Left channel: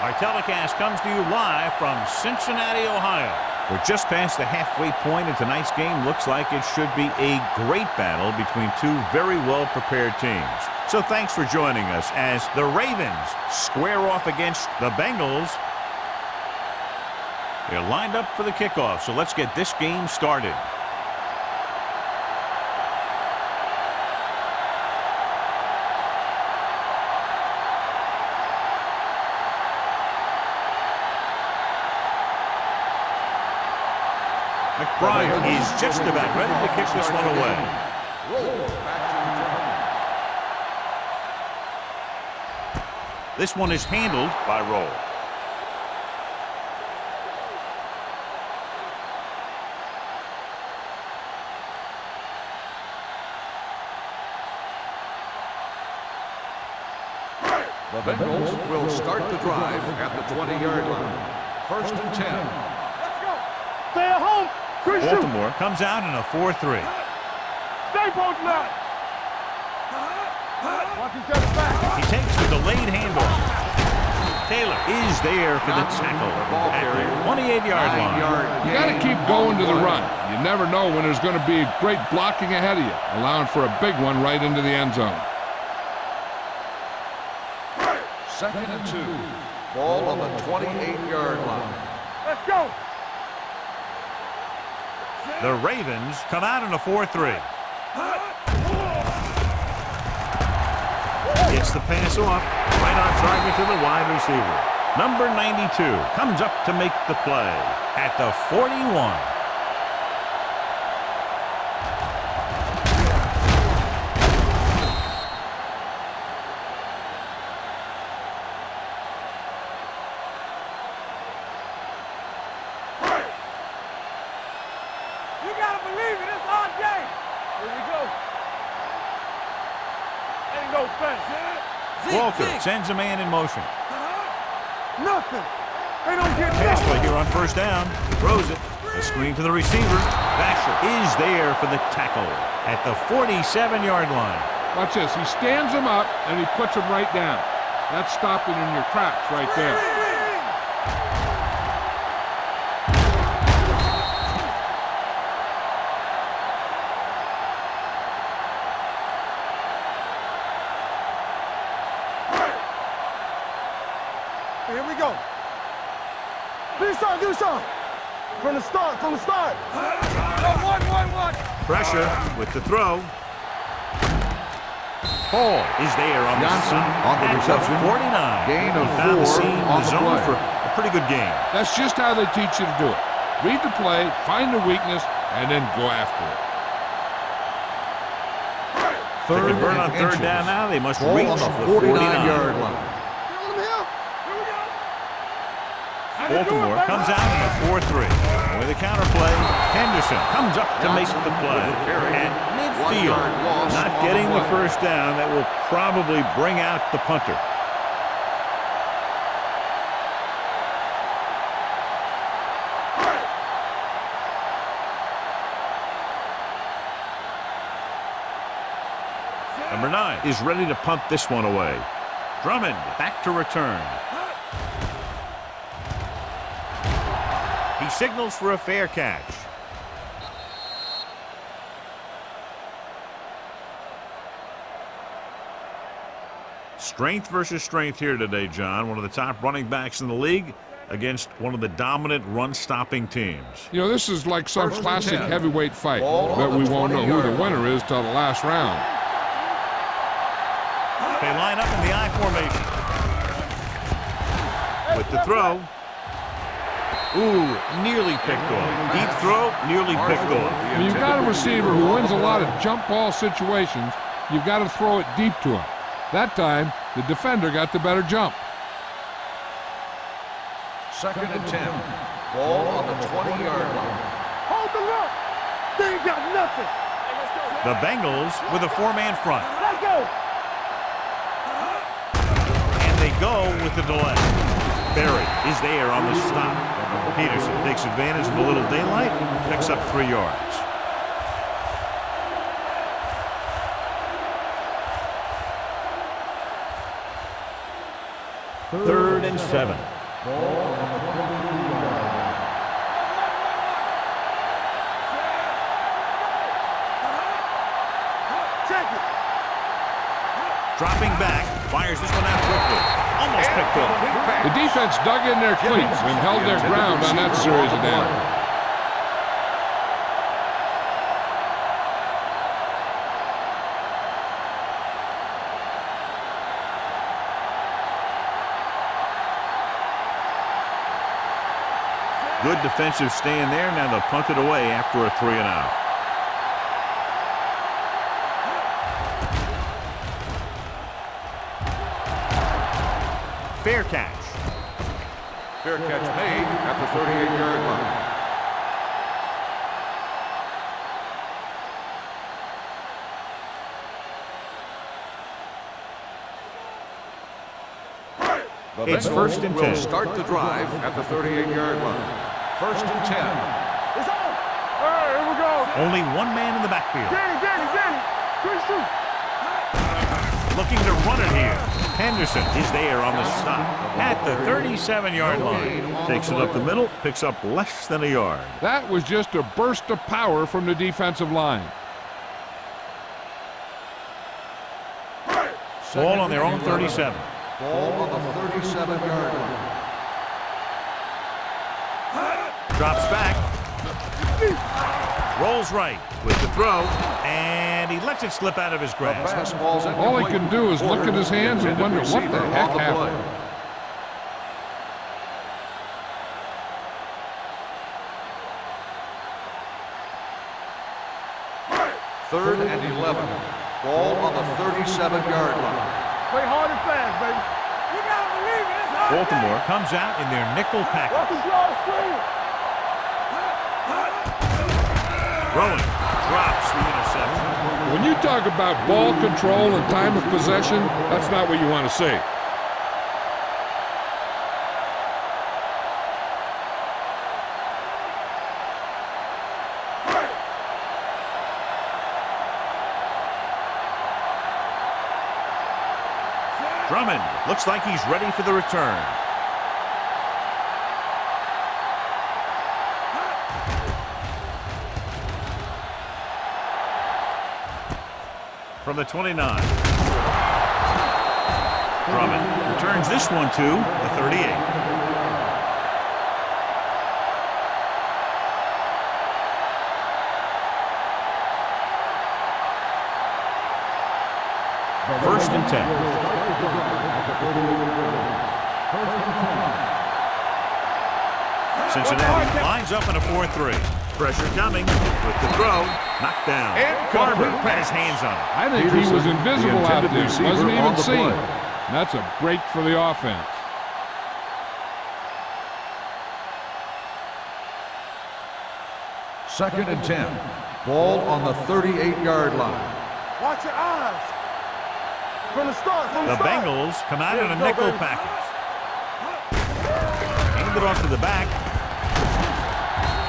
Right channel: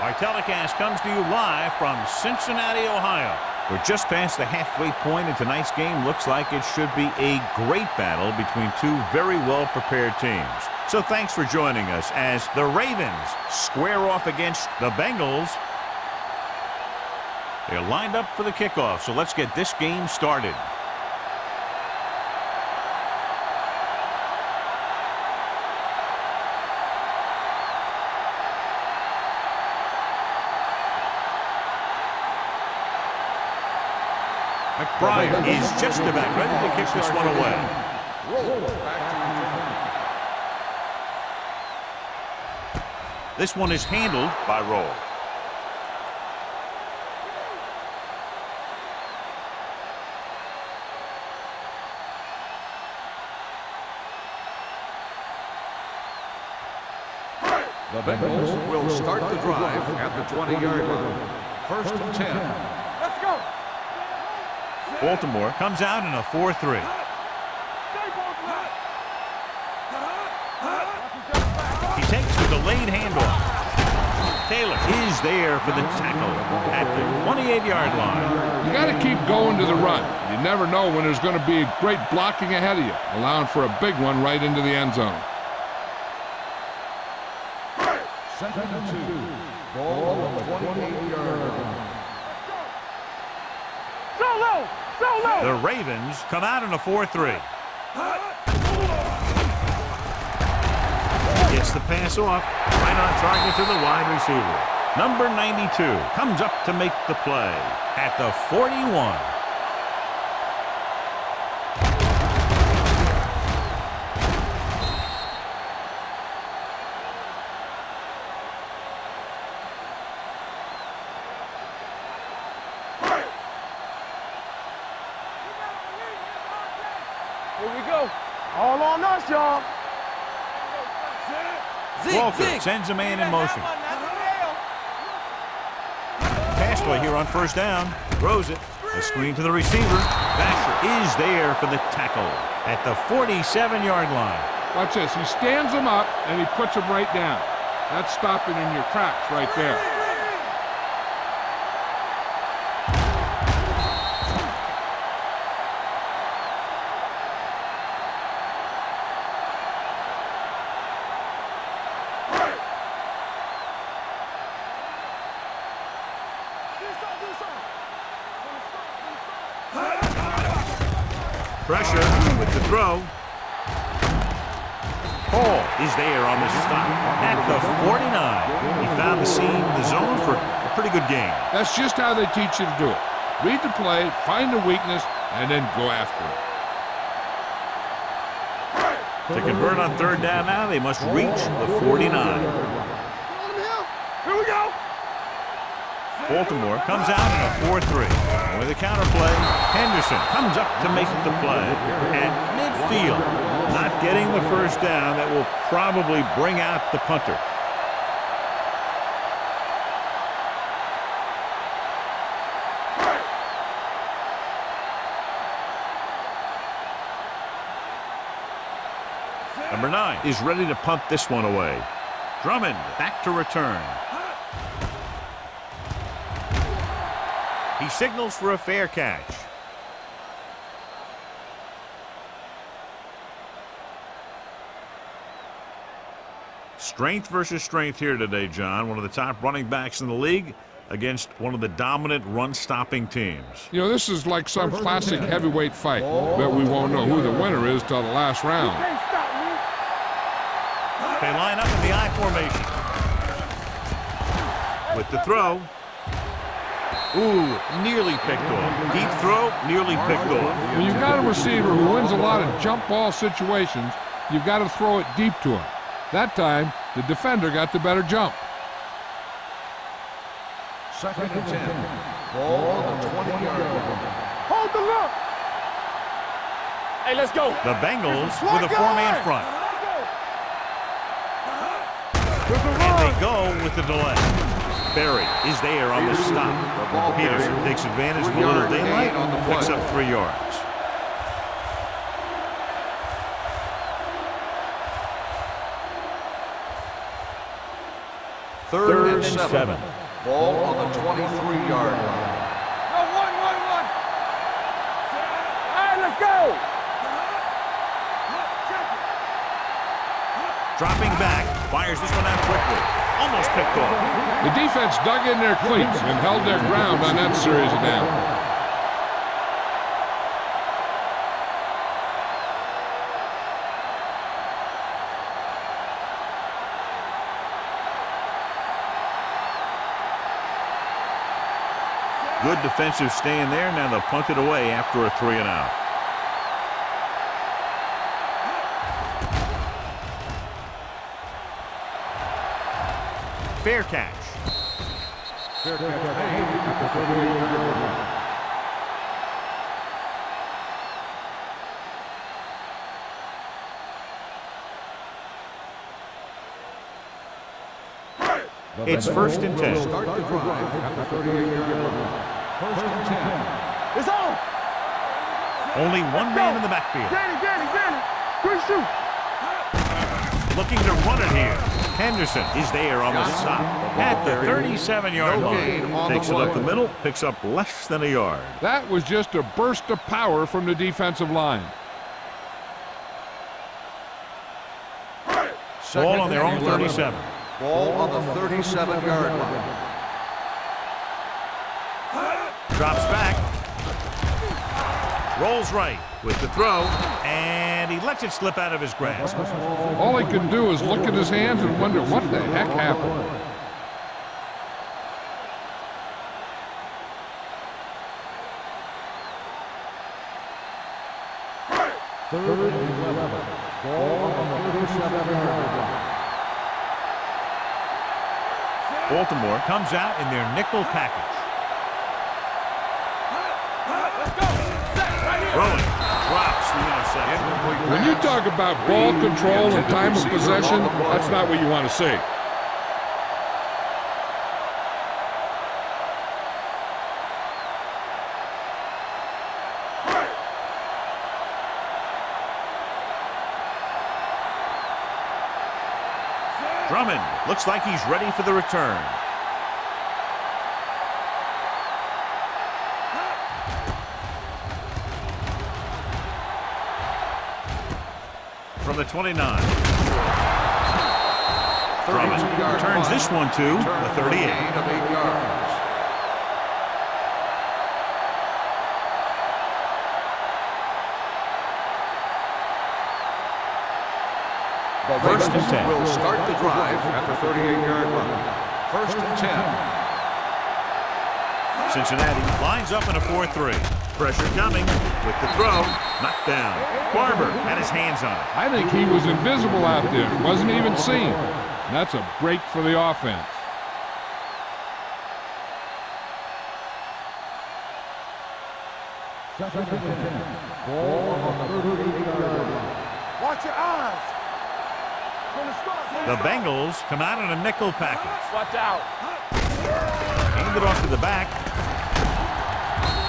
Our telecast comes to you live from Cincinnati, Ohio. We're just past the halfway point in tonight's game. Looks like it should be a great battle between two very well-prepared teams. So thanks for joining us as the Ravens square off against the Bengals. They're lined up for the kickoff, so let's get this game started. McBride is just about ready to kick this one away. Roll back to return. This one is handled by Roll. The Bengals will start the drive at the 20-yard line. 1st and 10. Let's go. Stay at home. Baltimore comes out in a 4-3. Stay both left. Watch each other back. He takes the delayed handoff. Taylor is there for the tackle at the 28-yard line. You got to keep going to the run. You never know when there's going to be great blocking ahead of you, allowing for a big one right into the end zone. 2nd and 2. Ball on the 28-yard line. Let's go. Solo. Solo. The Ravens come out in a 4-3. Gets the pass off, right on target to the wide receiver. Number 92 comes up to make the play at the 41. Walker sends a man in motion. Pass play here on 1st down. Throws it. A screen to the receiver. Vasher is there for the tackle at the 47-yard line. Watch this. He stands him up, and he puts him right down. That's stopping in your tracks right there. Pressure with the throw. Hall is there on the stop at the 49. He found the seam in the zone for a pretty good game. That's just how they teach you to do it. Read the play, find the weakness, and then go after it. To convert on 3rd down now, they must reach the 49. Baltimore comes out in a 4-3. With a counter play, Henderson comes up to make the play at midfield. Not getting the 1st down. That will probably bring out the punter. Number 9 is ready to punt this one away. Drummond back to return. He signals for a fair catch. Strength versus strength here today, John. One of the top running backs in the league against one of the dominant run-stopping teams. You know, this is like some classic heavyweight fight. But we won't know who the winner is till the last round. They line up in the I formation. With the throw. Ooh, nearly picked off. Deep throw, nearly picked off. When you've got a receiver who wins a lot of jump ball situations, you've got to throw it deep to him. That time, the defender got the better jump. 2nd and 10. Ball on the 20-yard line. Hold the look. They ain't got nothing. Hey, let's go. The Bengals with a 4-man front. Let's go. And they go with the delay. Berry is there on the stop. Peterson takes advantage of a little daylight, picks up 3 yards. Third and 7. Ball on the 23-yard line. One. All right, let's go. Check it. Dropping back, fires this one out quickly. Almost picked off. The defense dug in their cleats and held their ground on that series of downs. Good defensive stand there. Now they'll punt it away after a 3-and-out. Fair catch. Fair catch made at the 38-yard line. It's first and 10. Will start the drive at the 38-yard line. First and 10. It's on. All right, here we go. Only one man in the backfield. Danny. 3 shoot. Looking to run it here. Henderson is there on the stop at the 37-yard line. Takes it up the middle, picks up less than a yard. That was just a burst of power from the defensive line. Ball on their own 37. Ball on the 37-yard line. Drops back. Rolls right with the throw, and he lets it slip out of his grasp. All he can do is look at his hands and wonder what the heck happened. Third and 11. Ball on the 37-yard line. Play hard and fast, baby. Baltimore comes out in their nickel package. Throwing, drops the interception. When you talk about ball control and time of possession, that's not what you want to see. Drummond looks like he's ready for the return. From the 29. Drummond returns this one to the 38. First and 10. Will start the drive at the 38-yard line. First and 10. Cincinnati lines up in a 4-3. Pressure coming with the throw. Knocked down. Barber had his hands on it. I think he was invisible out there. Wasn't even seen. And that's a break for the offense. Second and 10. Ball on the 38-yard line. Watch your eyes. From the start. The Bengals come out in a nickel package. Hand it off to the back.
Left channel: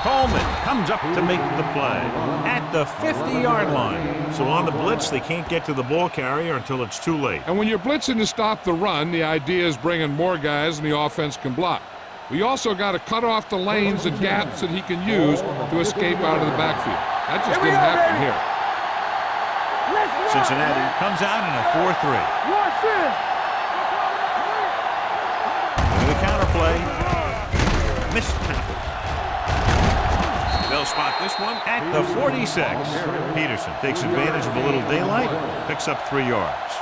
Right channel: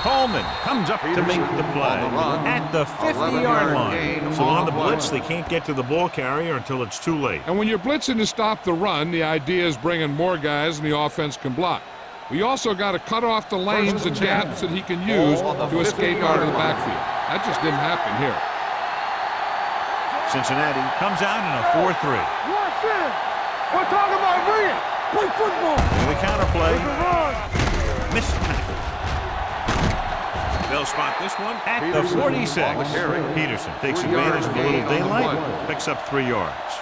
Coleman comes up to make the play at the 50-yard line. So on the blitz, they can't get to the ball carrier until it's too late. And when you're blitzing to stop the run, the idea is bringing more guys than the offense can block. We also got to cut off the lanes and gaps that he can use to escape out of the backfield. That just didn't happen here. Cincinnati comes out in a 4-3. Watch this. We're talking about green. Play football. And the counterplay, missed tackle. They'll spot this one at the 46. Peterson takes advantage of a little daylight, picks up 3 yards.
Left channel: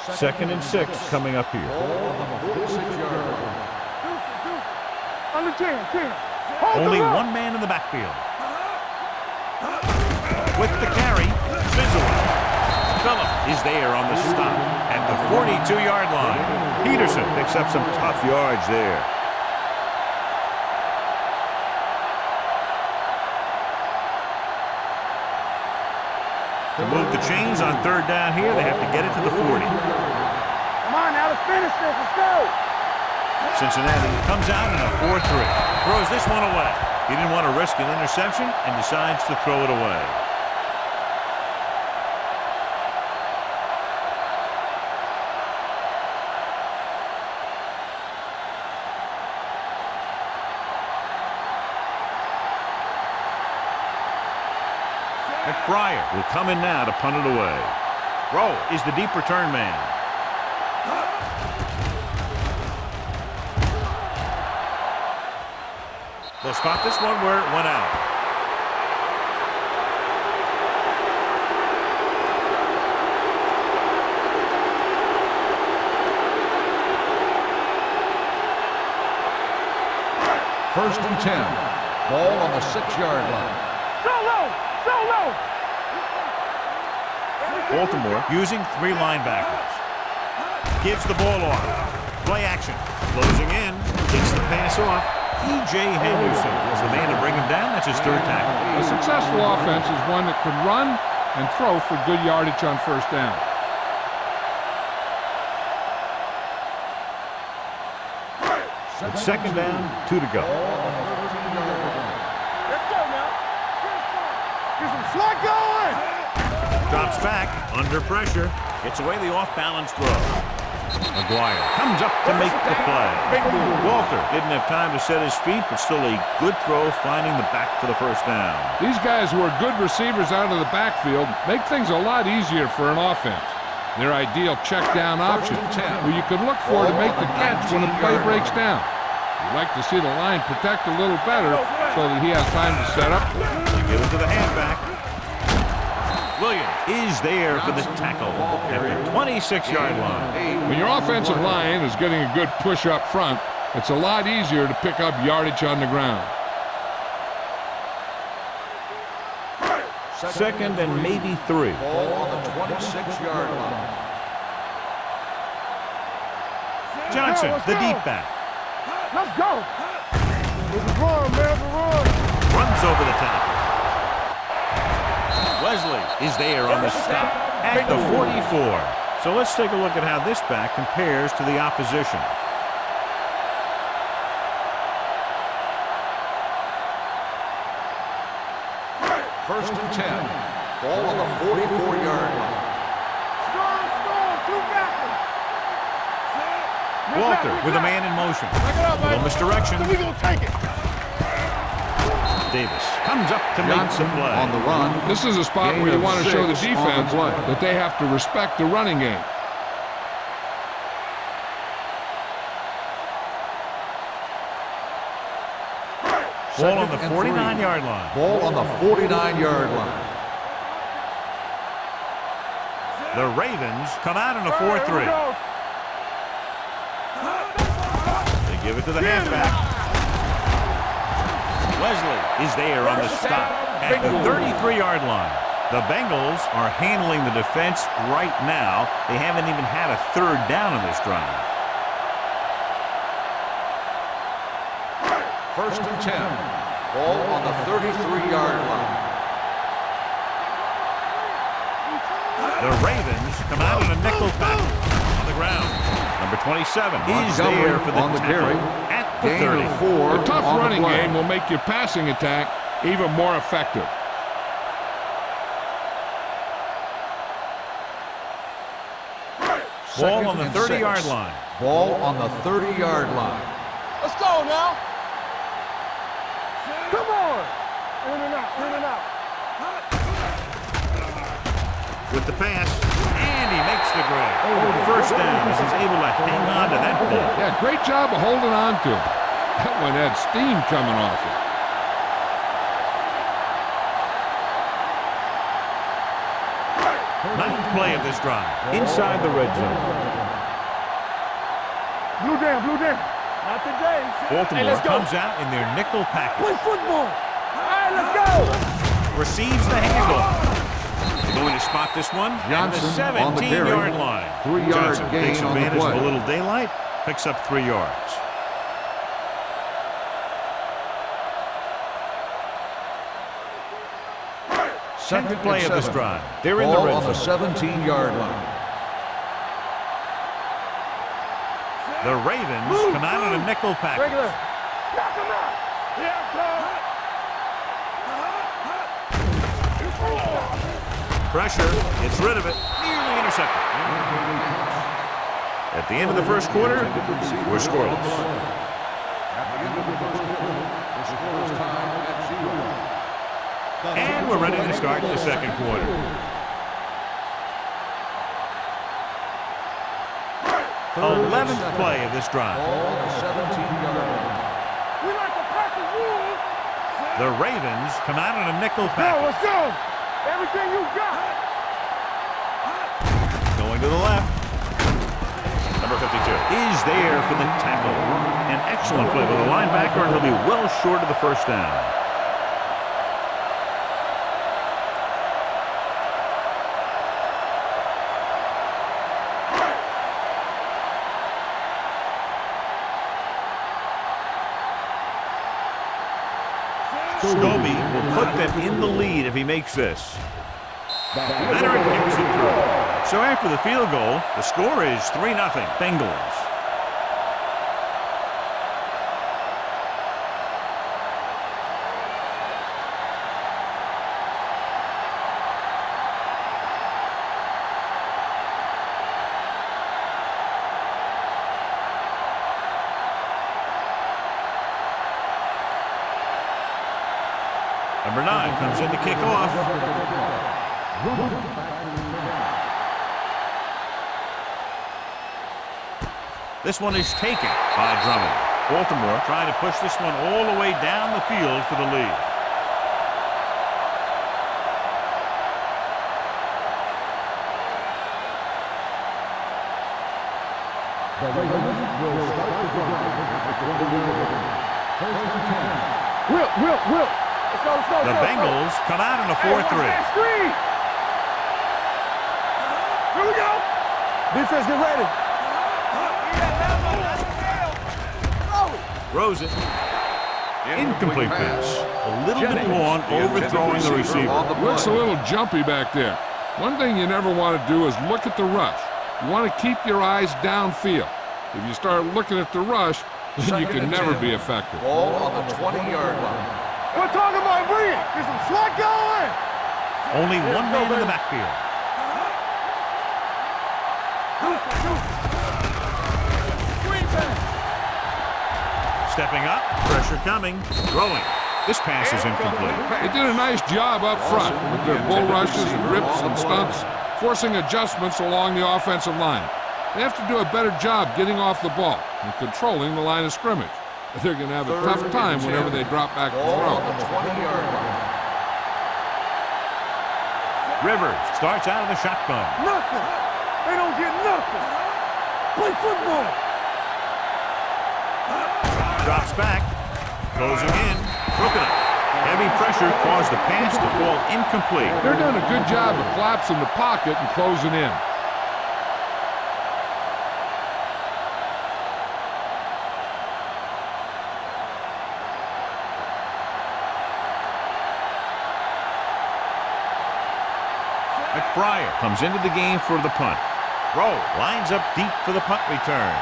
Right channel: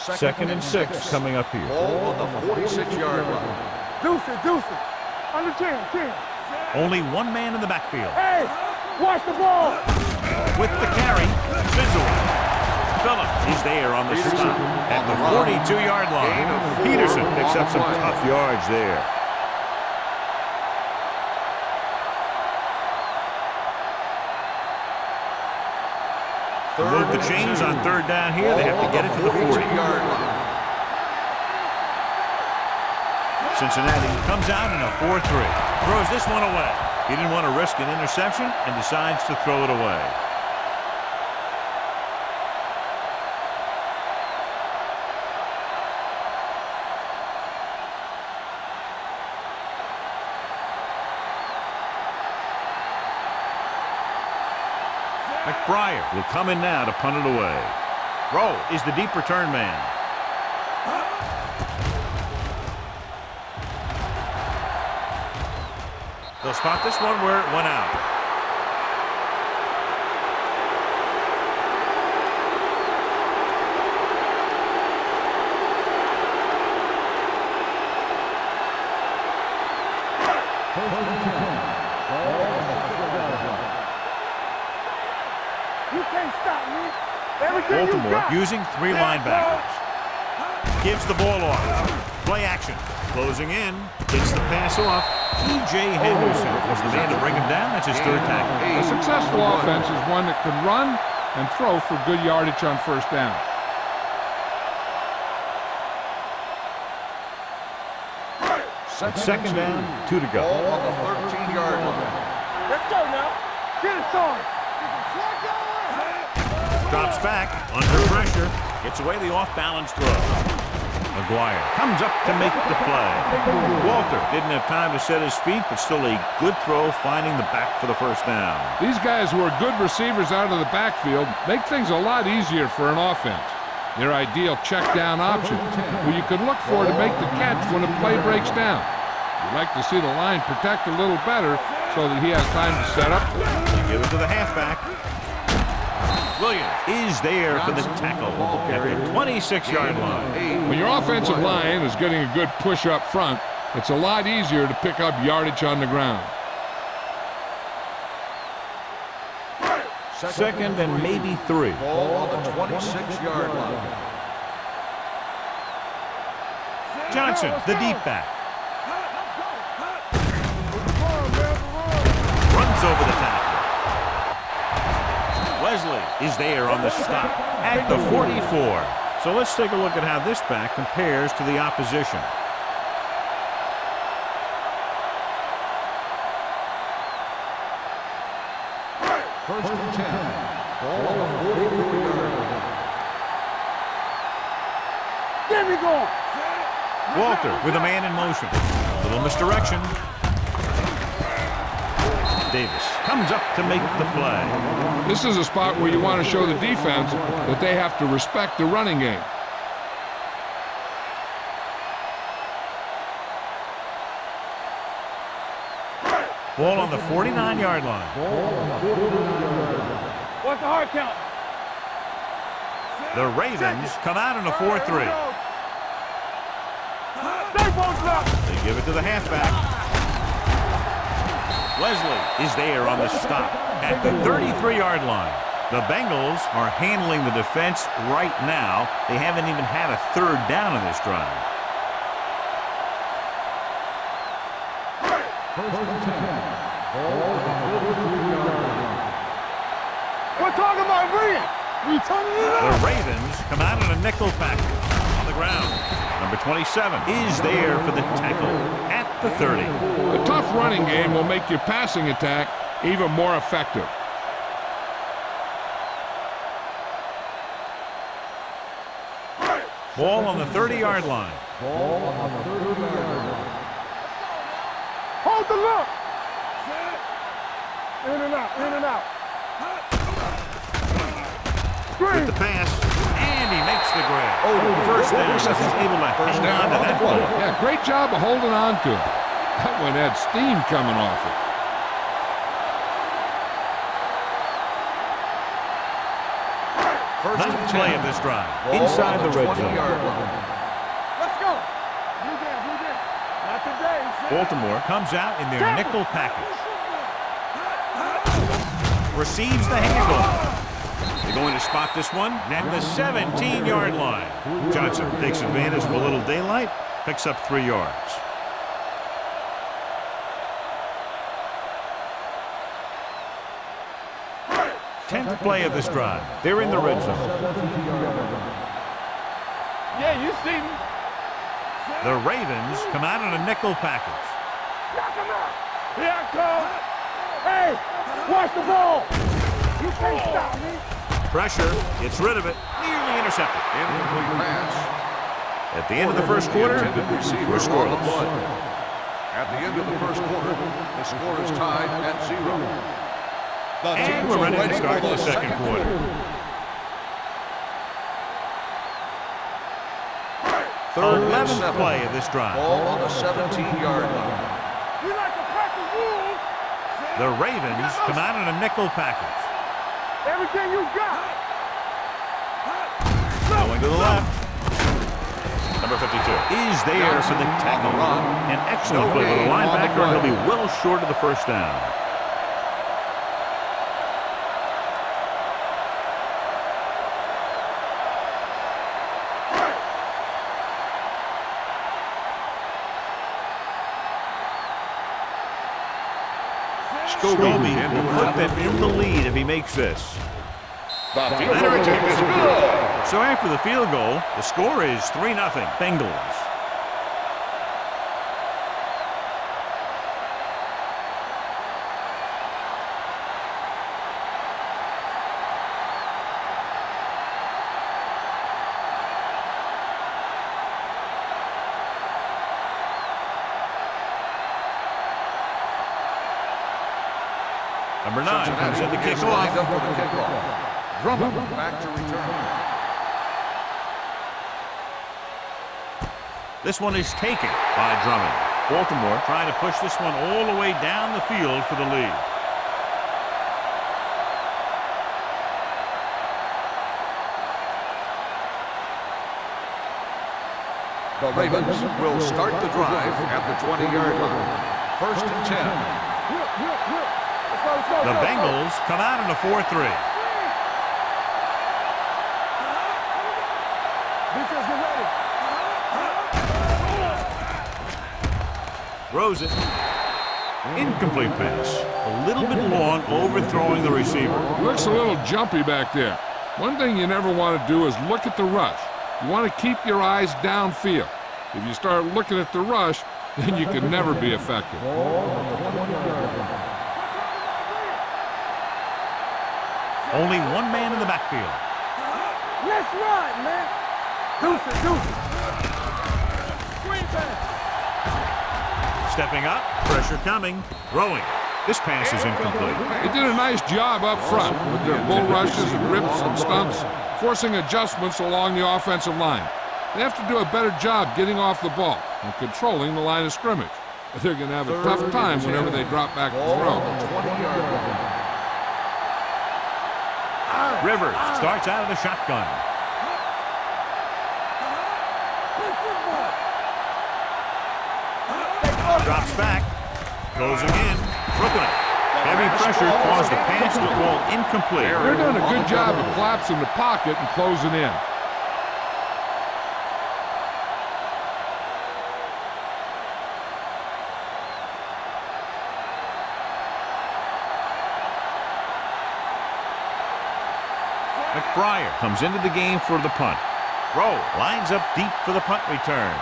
Second and 6 coming up here. Ball on the 46-yard line. Deuce it. Under 10. Only one man in the backfield. Hey, watch the ball. With the carry, Fizzle. Phillip is there on the stop at the 42-yard line. Peterson picks up some tough yards there. To move the chains on third down here, they have to get it to the 40. Cincinnati comes out in a 4-3. Throws this one away. He didn't want to risk an interception and decides to throw it away. McBriar will come in now to punt it away. Rowe is the deep return man. They'll spot this one where it went out. First and 10. Ball on the 6-yard line. You can't stop me. Everything Baltimore you got. using 3 linebackers. Gives the ball off. Play action. Closing in. Gets the pass off. E.J. Henderson is the man to bring him down. That's his 3rd tackle. A successful offense is one that can run and throw for good yardage on first down. Second down, 2 to go. Ball on the 13-yard line. Let's go now. Get it started. Get some slot going. Drops back, under pressure. Gets away the off-balance throw. McGuire comes up to make the play. Walter didn't have time to set his feet, but still a good throw, finding the back for the first down. These guys who are good receivers out of the backfield make things a lot easier for an offense. Their ideal check down option, who you can look for to make the catch when a play breaks down. You'd like to see the line protect a little better so that he has time to set up. They give it to the halfback. Williams is there for the tackle at the 26-yard line. When your offensive line is getting a good push up front, it's a lot easier to pick up yardage on the ground. Second and maybe 3. Ball on the 26-yard line. Johnson, the deep back. Let's go. It's a run, man. It's a run. Runs over the tackle. Wesley is there on the stop at the 44. So let's take a look at how this back compares to the opposition. First and 10. Ball on the 44-yard line. There we go. Walter with a man in motion. Little misdirection. Davis comes up to make the play. This is a spot where you want to show the defense that they have to respect the running game. Ball on the 49-yard line. Ball on the 49-yard line. What's the hard count? The Ravens come out in a 4-3. They give it to the halfback. Wesley is there on the stop at the 33-yard line. The Bengals are handling the defense right now. They haven't even had a 3rd down in this drive. First and 10. Ball on the 33-yard line. We're talking about bringing. The Ravens come out in a nickel package on the ground. Number 27 is there for the tackle at the 30. A tough running game will make your passing attack even more effective. Ball on the 30-yard line. Ball on the 30-yard line. Let's go now. Hold the look. Come on. In and out. In and out. With the pass, and he makes the grab. First down as he's able to hang on to that ball. Yeah, great job of holding on to him. That one had steam coming off it. Ninth play of this drive, inside the red zone. Let's go. Blue jam. Not today. Baltimore comes out in their nickel package. Play football. Let's go. Receives the handoff. They're going to spot this one at the 17-yard line. Johnson takes advantage of a little daylight, picks up 3 yards. Tenth play of this drive. They're in the red zone. 17-yard line. Yeah, you see me. The Ravens come out in a nickel package. Knock him out. Here I come. Hey, watch the ball. You can't stop me. Pressure, gets rid of it, nearly intercepted. Incomplete pass. At the end of the first quarter, we're scoreless. At the end of the first quarter, the score is tied at 0. And we're ready to start the second quarter. Third 11th play of this drive. Ball on the 17-yard line. We like to crack the rules. The Ravens come out in a nickel Let's package. go. Everything you got. Going to the left. Number 52 is there for the tackle. An excellent play with a linebacker, and he'll be well short of the first down. Scobie will put them in the lead if he makes this. Leonard kicks it through. So after the field goal, the score is 3-0 Bengals. Number 9 comes in to kick off. This one is taken by Drummond. Baltimore trying to push this one all the way down the field for the lead. The Ravens will start the drive at the 20-yard line. First and 10. Will. Let's go, let's go. The Bengals come out in a 4-3. Screen. Here we go. Defense, get ready. Throws it. Incomplete pass. A little bit long, overthrowing the receiver. He looks a little jumpy back there. One thing you never want to do is look at the rush. You want to keep your eyes downfield. If you start looking at the rush, then you can never be effective. Ball on the 20-yard line. We're talking about bringing. There's some slot going. Only one man in the backfield. Let's ride, man. Deuces. Screen pass. Stepping up, pressure coming, throwing. This pass is incomplete. They did a nice job up front with their bull rushes and rips and stunts, forcing adjustments along the offensive line. They have to do a better job getting off the ball and controlling the line of scrimmage. They're going to have a tough time whenever they drop back to throw. On the 20-yard line. Rivers starts out of the shotgun. Nothing. They don't get nothing. Play football. Drops back, closing in, broken up. Heavy pressure caused the pass to fall incomplete. They're doing a good job of collapsing the pocket and closing in. McBriar comes into the game for the punt. Rowe lines up deep for the punt return.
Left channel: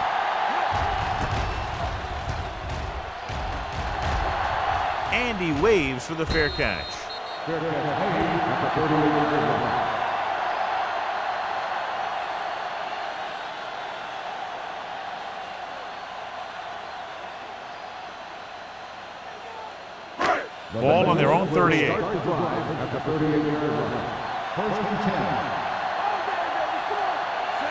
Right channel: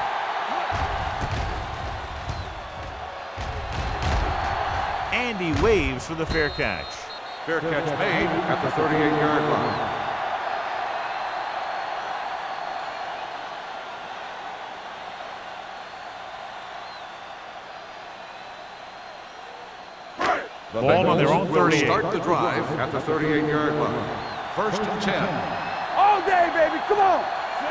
And he waves for the fair catch. Fair catch made at the 38-yard line. Ball on their own 38. Start the drive at the 38-yard line. First and 10. All day, baby. Come on.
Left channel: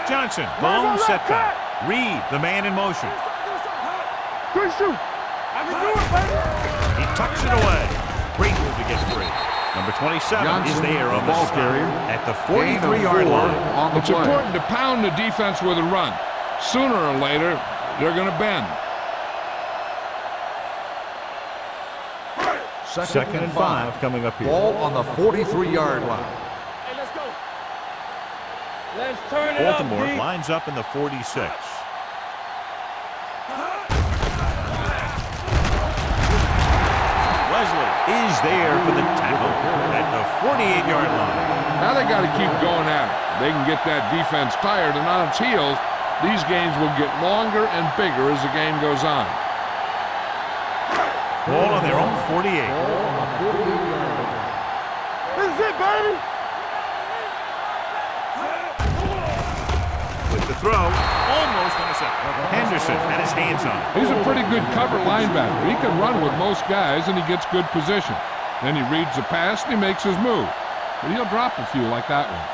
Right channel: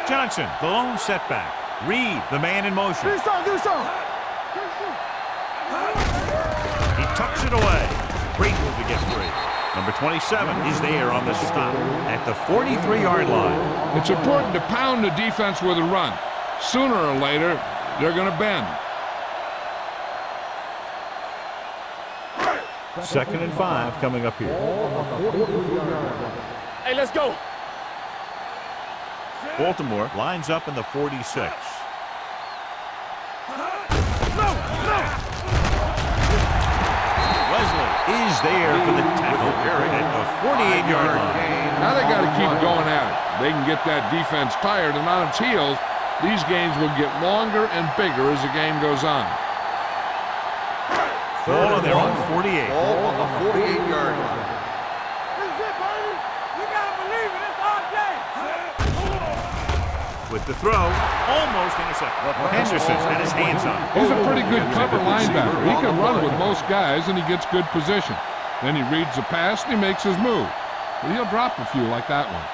Johnson, the lone setback. Reed, the man in motion. Do something. Quick shoot. I can do it, baby. He tucks it away. Great move to get free. Number 27 is there on the stop at the 43-yard line. It's important to pound the defense with a run. Sooner or later, they're going to bend. Second and 5 coming up here. Ball on the 43-yard line. Hey, let's go. Let's turn it Baltimore up, lines up in the 46. Wesley is there for the tackle at the 48-yard line. Now they got to keep going at it. They can get that defense tired, and on its heels, these games will get longer and bigger as the game goes on. Ball on their own 48. Ball on the 48-yard line. This is it, baby. You gotta believe it. It's our day. With the throw, almost intercepted. Henderson had his hands on it. He's a pretty good cover linebacker. He can run with most guys, and he gets good position. Then he reads the pass and he makes his move. But he'll drop a few like that one.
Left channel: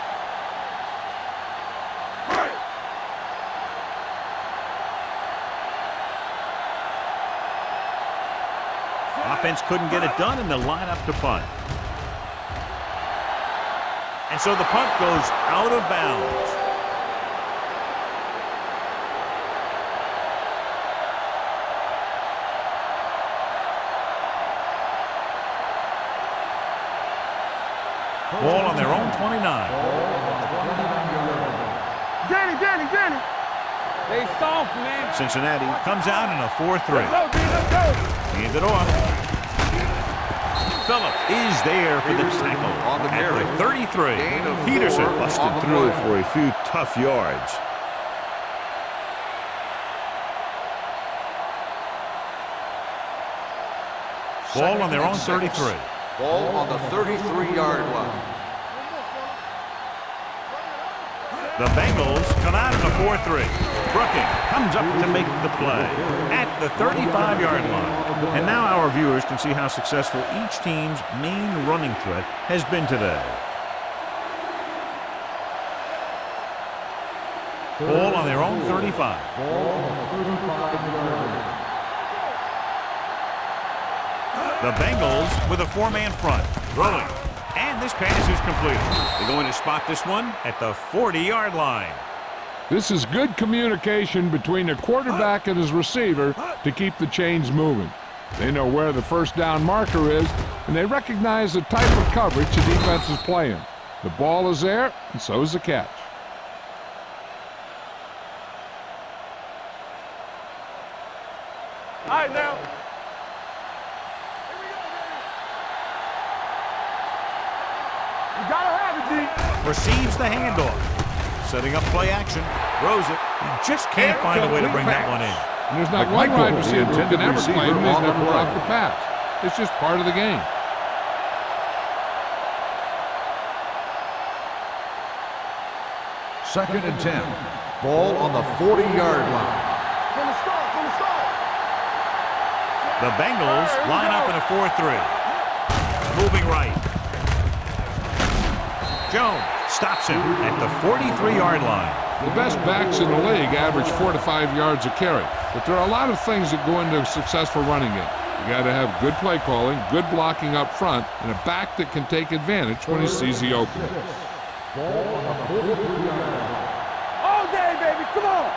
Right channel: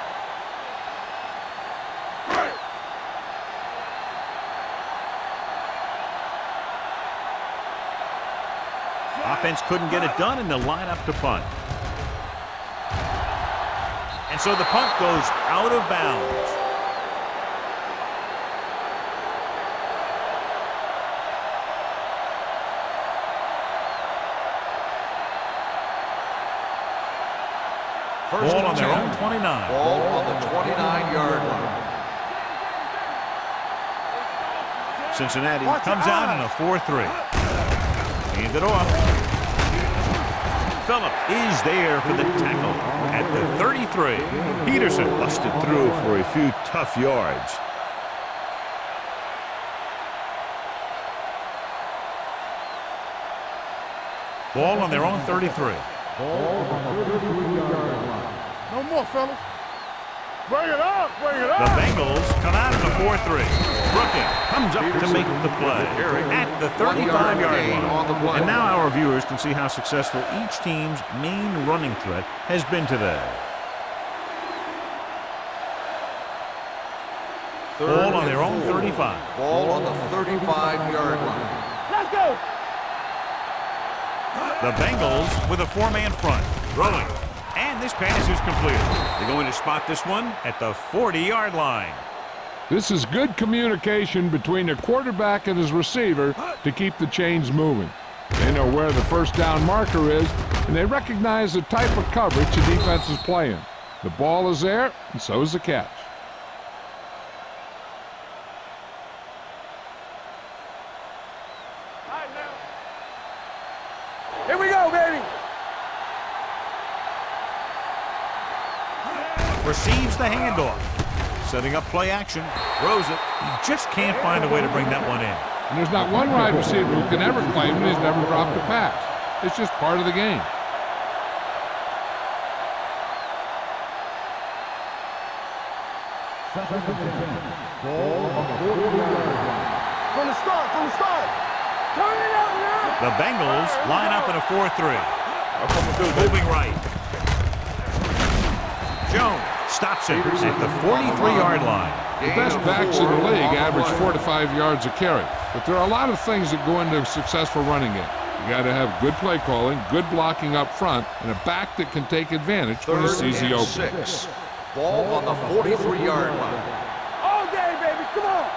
Offense couldn't get it done, and they'll line up to punt. And so the punt goes out of bounds. Ball on their own 29. Ball on the 29-yard line. Jenny. They soft, man. Cincinnati comes out in a 4-3. Hand it off. Phillips is there for the tackle at the 33. Peterson busted through for a few tough yards. Ball on their own 33. Ball on the 33-yard line. No more, fellas. Bring it up. The Bengals come out in a 4-3. Brooking comes up to make the play at the 35-yard line. And now our viewers can see how successful each team's main running threat has been today. Ball on their own 35. Ball on the 35-yard line. The Bengals with a four-man front. Rolling. And this pass is completed. They're going to spot this one at the 40-yard line. This is good communication between the quarterback and his receiver to keep the chains moving. They know where the first down marker is, and they recognize the type of coverage the defense is playing. The ball is there, and so is the catch. All right, now. Here we go, baby. You gotta have it, G. Receives the handoff. Setting up play action. Throws it. He just can't find a way to bring that one in. And there's not one wide receiver who can ever claim he's never dropped a pass. It's just part of the game. Second and 10. Ball on the 40-yard line. From the start. The Bengals line up in a 4-3. Moving right. Jones stops him at the 43-yard line. The best backs in the league average 4 to 5 yards a carry. But there are a lot of things that go into a successful running game. You got to have good play calling, good blocking up front, and a back that can take advantage when he sees the opening. Ball on the 43-yard line. All day, baby. Come on.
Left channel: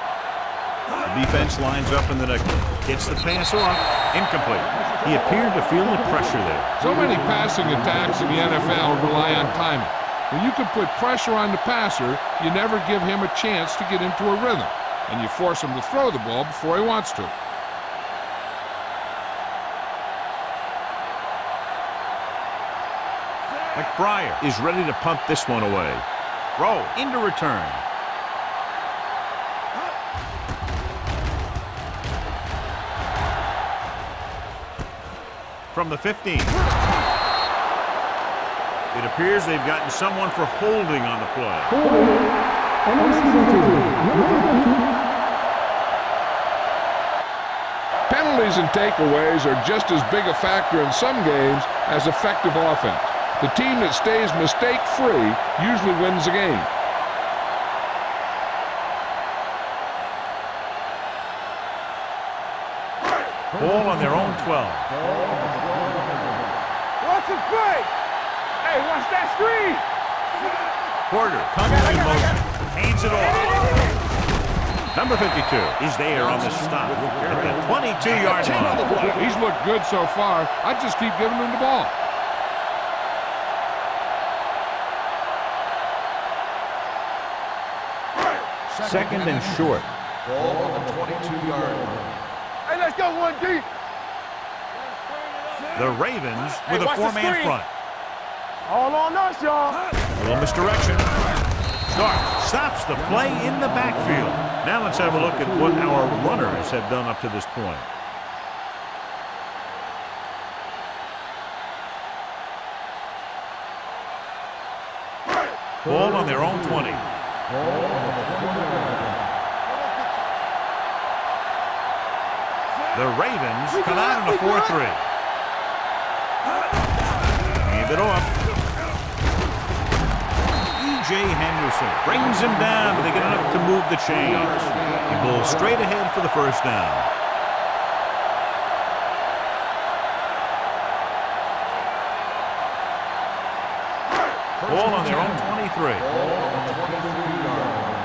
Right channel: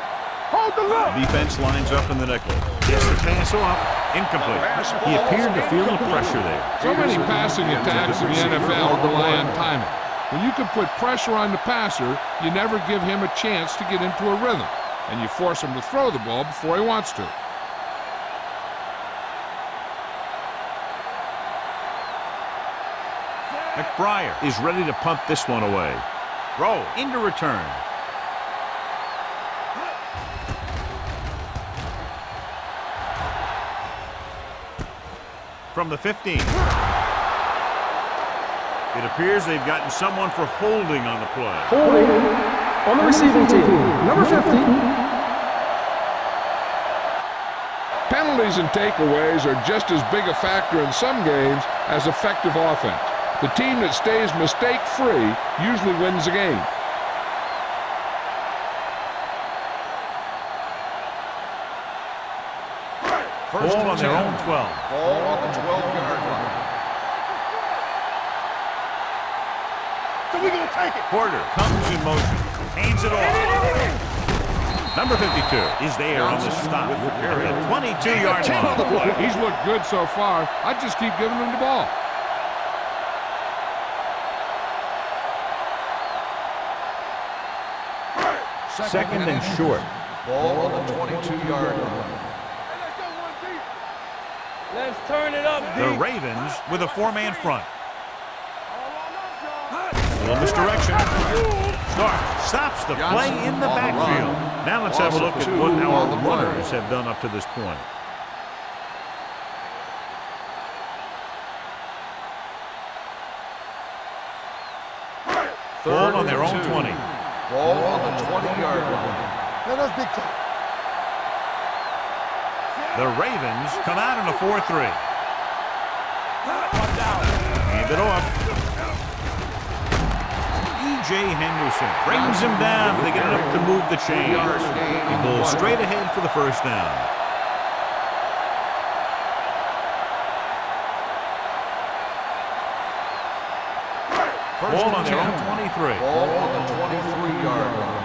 Hold the line. The defense lines up in the nickel. Gets the pass off. Incomplete. He appeared to feel the pressure there. So many passing attacks in the NFL rely on timing. When you can put pressure on the passer, you never give him a chance to get into a rhythm, and you force him to throw the ball before he wants to. McBriar is ready to punt this one away. Throw into return. From the 15. It appears they've gotten someone for holding on the play. Holding on the receiving team, number 50. Penalties and takeaways are just as big a factor in some games as effective offense. The team that stays mistake-free usually wins the game. Ball on their own 12. Ball on the 12-yard line. Watch the play. Hey, watch that screen. Porter comes in motion. Hands it off. Number 52 is there on the stop at the 22-yard line. He's looked good so far. I just keep giving him the ball. Second and short. Ball on the 22-yard line. Hey, let's go one deep. Let's turn it up. The Ravens with a four-man front. All on us, y'all. A little misdirection. Stark stops the play in the backfield. Now let's have a look at what our runners have done up to this point. Ball on their own 20. Ball on the 20-yard line. The Ravens come out in a 4-3. hand it off. E.J. Henderson brings him down, but they get enough to move the chains. He pulls straight ahead for the first down. Ball on their own 23. Ball on the 23-yard line.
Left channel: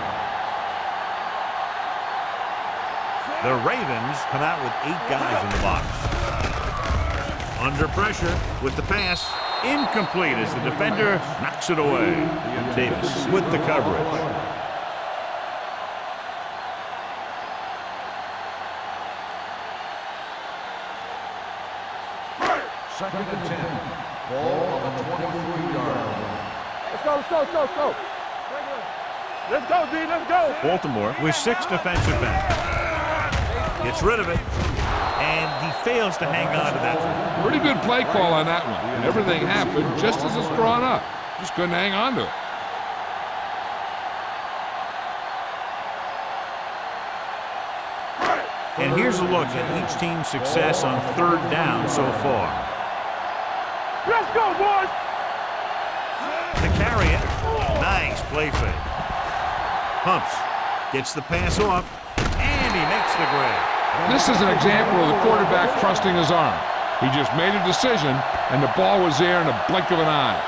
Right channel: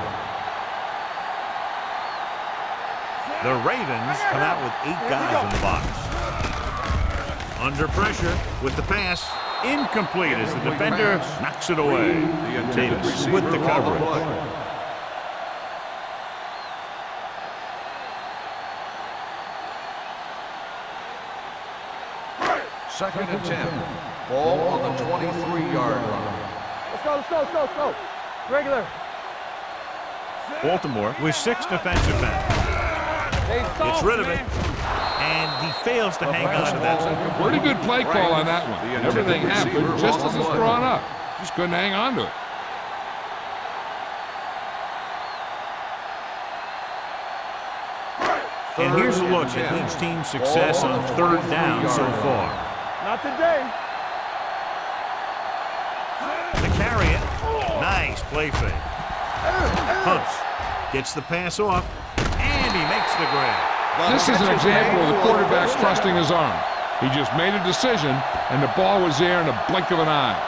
The Ravens come out with 8 guys in the box. Under pressure with the pass. Incomplete as the defender knocks it away. Davis with the coverage. Second and 10. Ball on the 23-yard line. Let's go, let's go, let's go, let's go. Regular. Let's go, D, let's go. Baltimore with 6 defensive backs. Gets rid of it, and he fails to hang on to that. Pretty good play call on that one. Everything happened just as it's drawn up. Just couldn't hang on to it. And here's a look at each team's success on third down so far. Not today. Let's go, boys. To carry it. Nice play fake. Pumps. Gets the pass off, and he makes the grab. This is an example of the quarterback trusting his arm. He just made a decision, and the ball was there in a blink of an eye.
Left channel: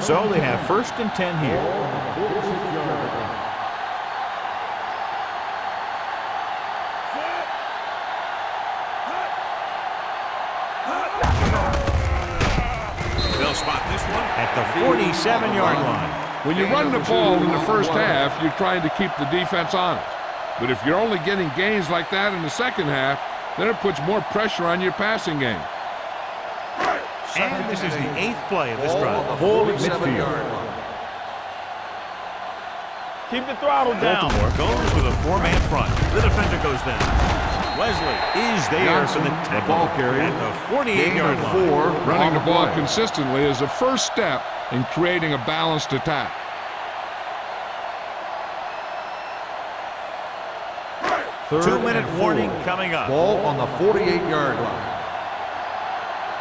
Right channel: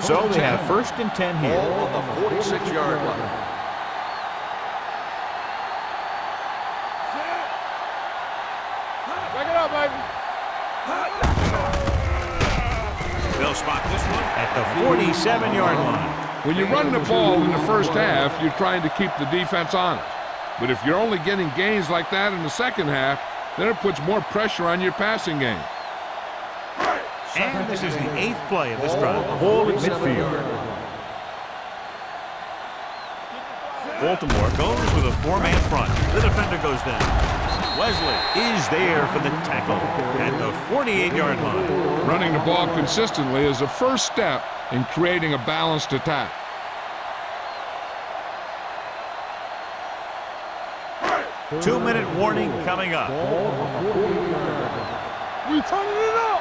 So they have first and 10 here. Ball on the 46-yard line. Back it up, baby. They'll spot this one at the 47-yard line. When you run the ball in the first half, you're trying to keep the defense honest. But if you're only getting gains like that in the second half, then it puts more pressure on your passing game. And this is the 8th play of this drive. Ball at midfield. Keep the throttle down. Baltimore goes with a 4-man front. The defender goes down. Wesley is there for the tackle at the 48-yard line. Running the ball consistently is the first step in creating a balanced attack. Two-minute warning coming up. Ball on the 48-yard line. We turning it up.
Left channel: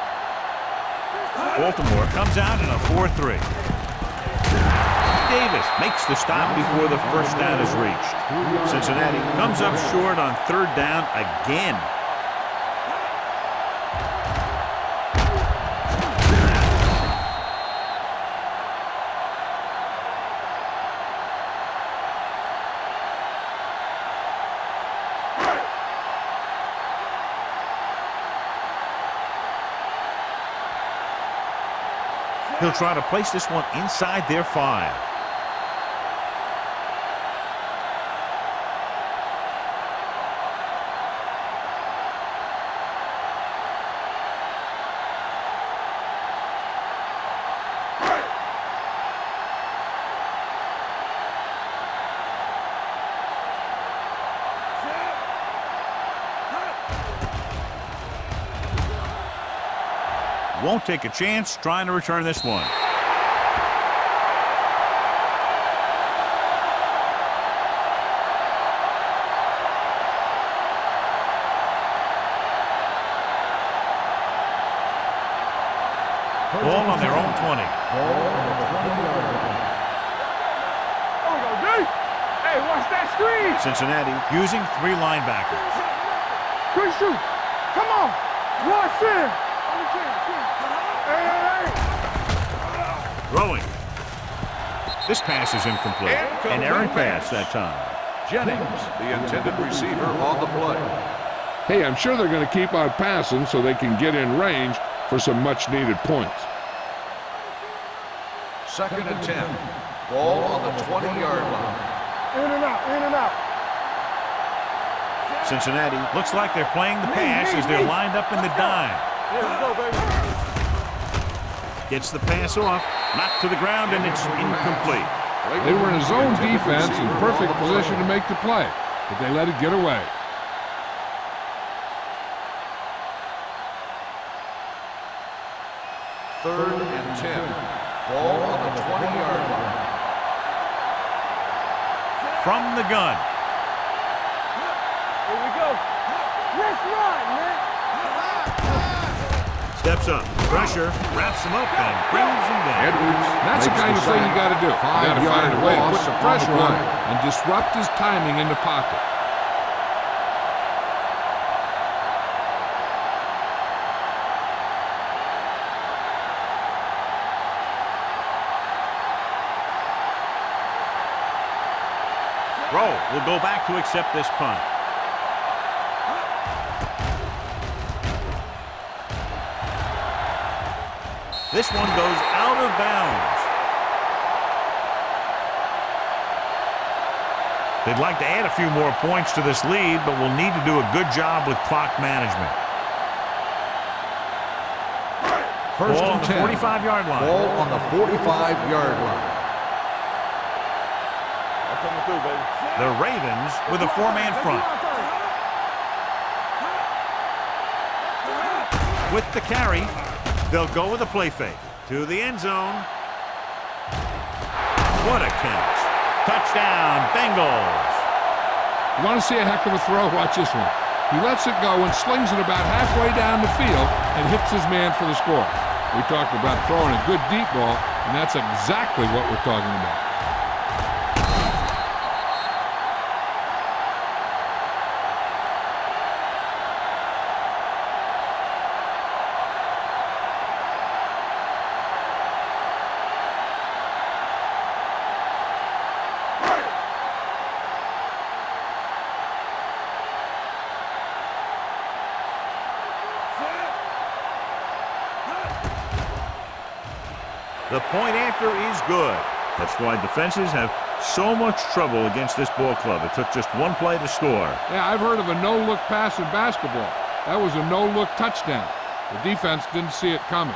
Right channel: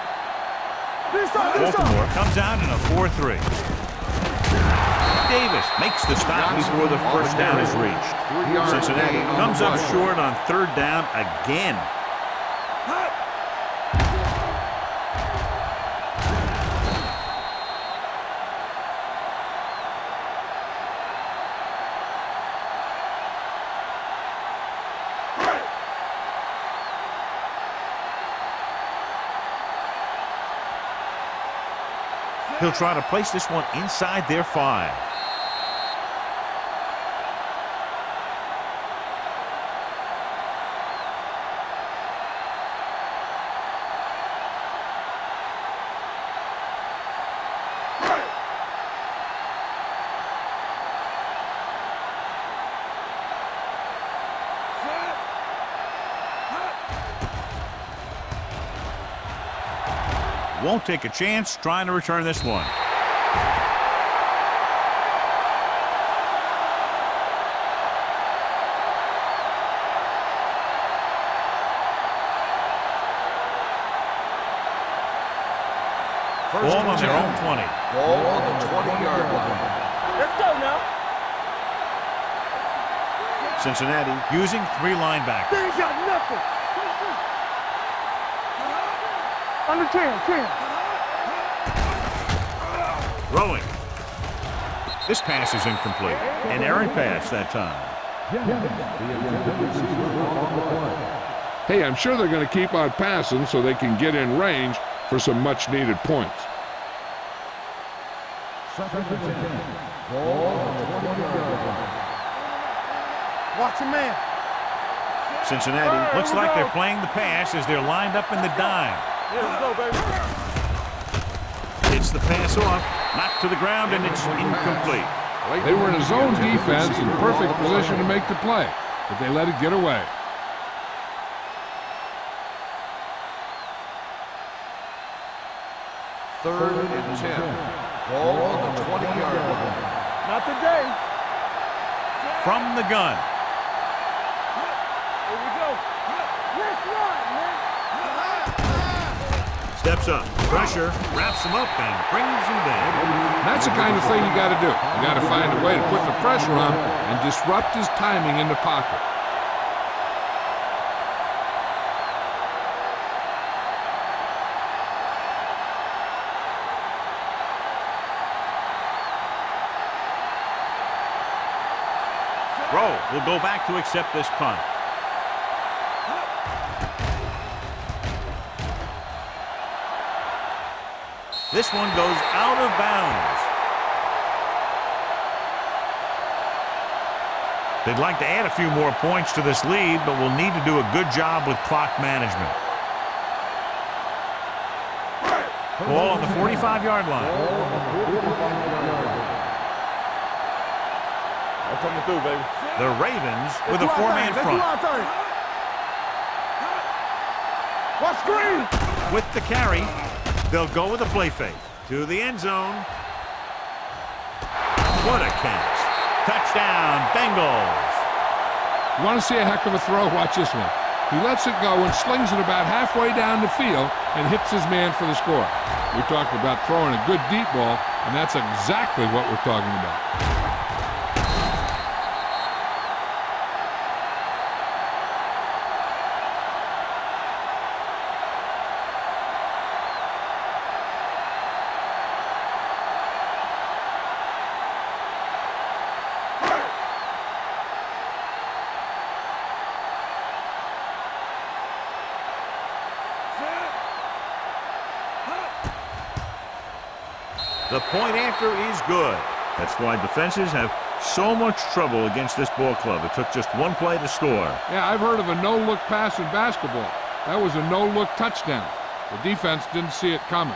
Baltimore comes out in a 4-3. Davis makes the stop before the first down is reached. Cincinnati comes up short on third down again. He'll try to place this one inside their 5. Won't take a chance trying to return this one. Ball on their own 20. Ball on the 20-yard line. Let's go now. There we go, D. Hey, watch that screen. Cincinnati using 3 linebackers. Good shoot. Come on. Watch in. Under 10. Hey. Throwing. This pass is incomplete. An errant pass that time. Jennings, the intended receiver on the play. Hey, I'm sure they're going to keep on passing so they can get in range for some much-needed points. Second and 10. Ball on the 20-yard line. In and out. Watch your man. Cincinnati looks like they're playing the pass as they're lined up in the dime. Here we go, baby. Hits the pass off, knocked to the ground, and it's incomplete. They were in a zone defense in perfect position to make the play, but they let it get away. Third and 10. Ball on the 20-yard line. Not today. From the gun. Here we go. steps up. Pressure, wraps him up, and brings him down. That's the kind of thing you got to do. You got to find a way to put the pressure on and disrupt his timing in the pocket. Rowe will go back to accept this punt. This one goes out of bounds. They'd like to add a few more points to this lead, but will need to do a good job with clock management. Ball on the 45-yard line. Ball on the 45-yard line. I'm coming through, baby. The Ravens with a four-man front. Watch screen. With the carry, they'll go with a play fake to the end zone. What a catch. Touchdown, Bengals. You want to see a heck of a throw? Watch this one. He lets it go and slings it about halfway down the field and hits his man for the score. We talk about throwing a good deep ball, and that's exactly what we're talking about. The point after is good. That's why defenses have so much trouble against this ball club. It took just one play to score. Yeah, I've heard of a no-look pass in basketball. That was a no-look touchdown. The defense didn't see it coming.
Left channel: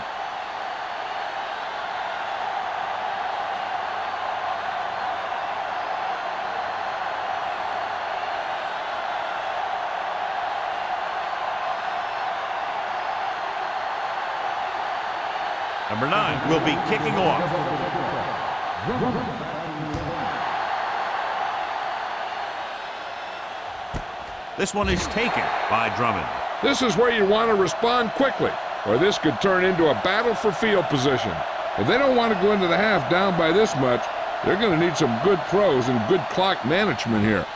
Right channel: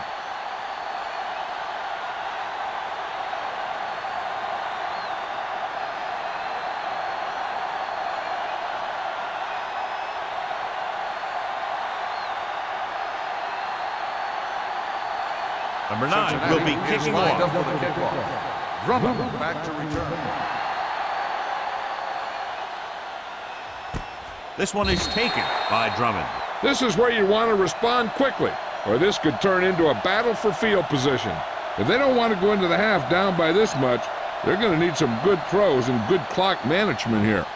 Number 9 will be kicking off. Drummond back to return. This one is taken by Drummond. This is where you want to respond quickly, or this could turn into a battle for field position. If they don't want to go into the half down by this much, they're going to need some good throws and good clock management here.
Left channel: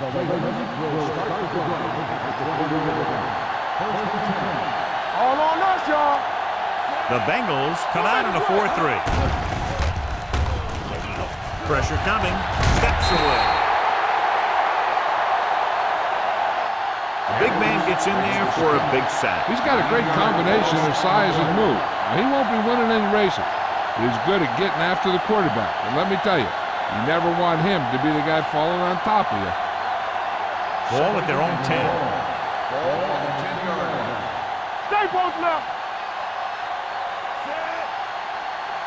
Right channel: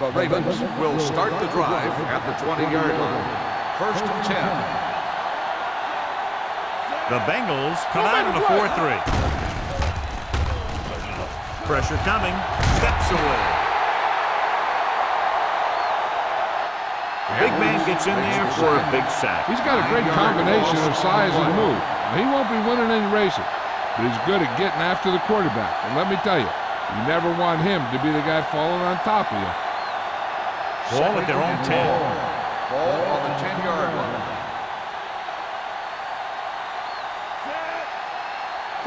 The Ravens will start the drive at the 20-yard line. 1st and 10. All on us, y'all. The Bengals come out in a 4-3. Pressure coming. Steps away. The big man gets in there for a big sack. He's got a great combination of size and move. Now, he won't be winning any races, but he's good at getting after the quarterback. And let me tell you, you never want him to be the guy falling on top of you. Ball at their own 10. Ball on the 10-yard line. Stay posted up. Set.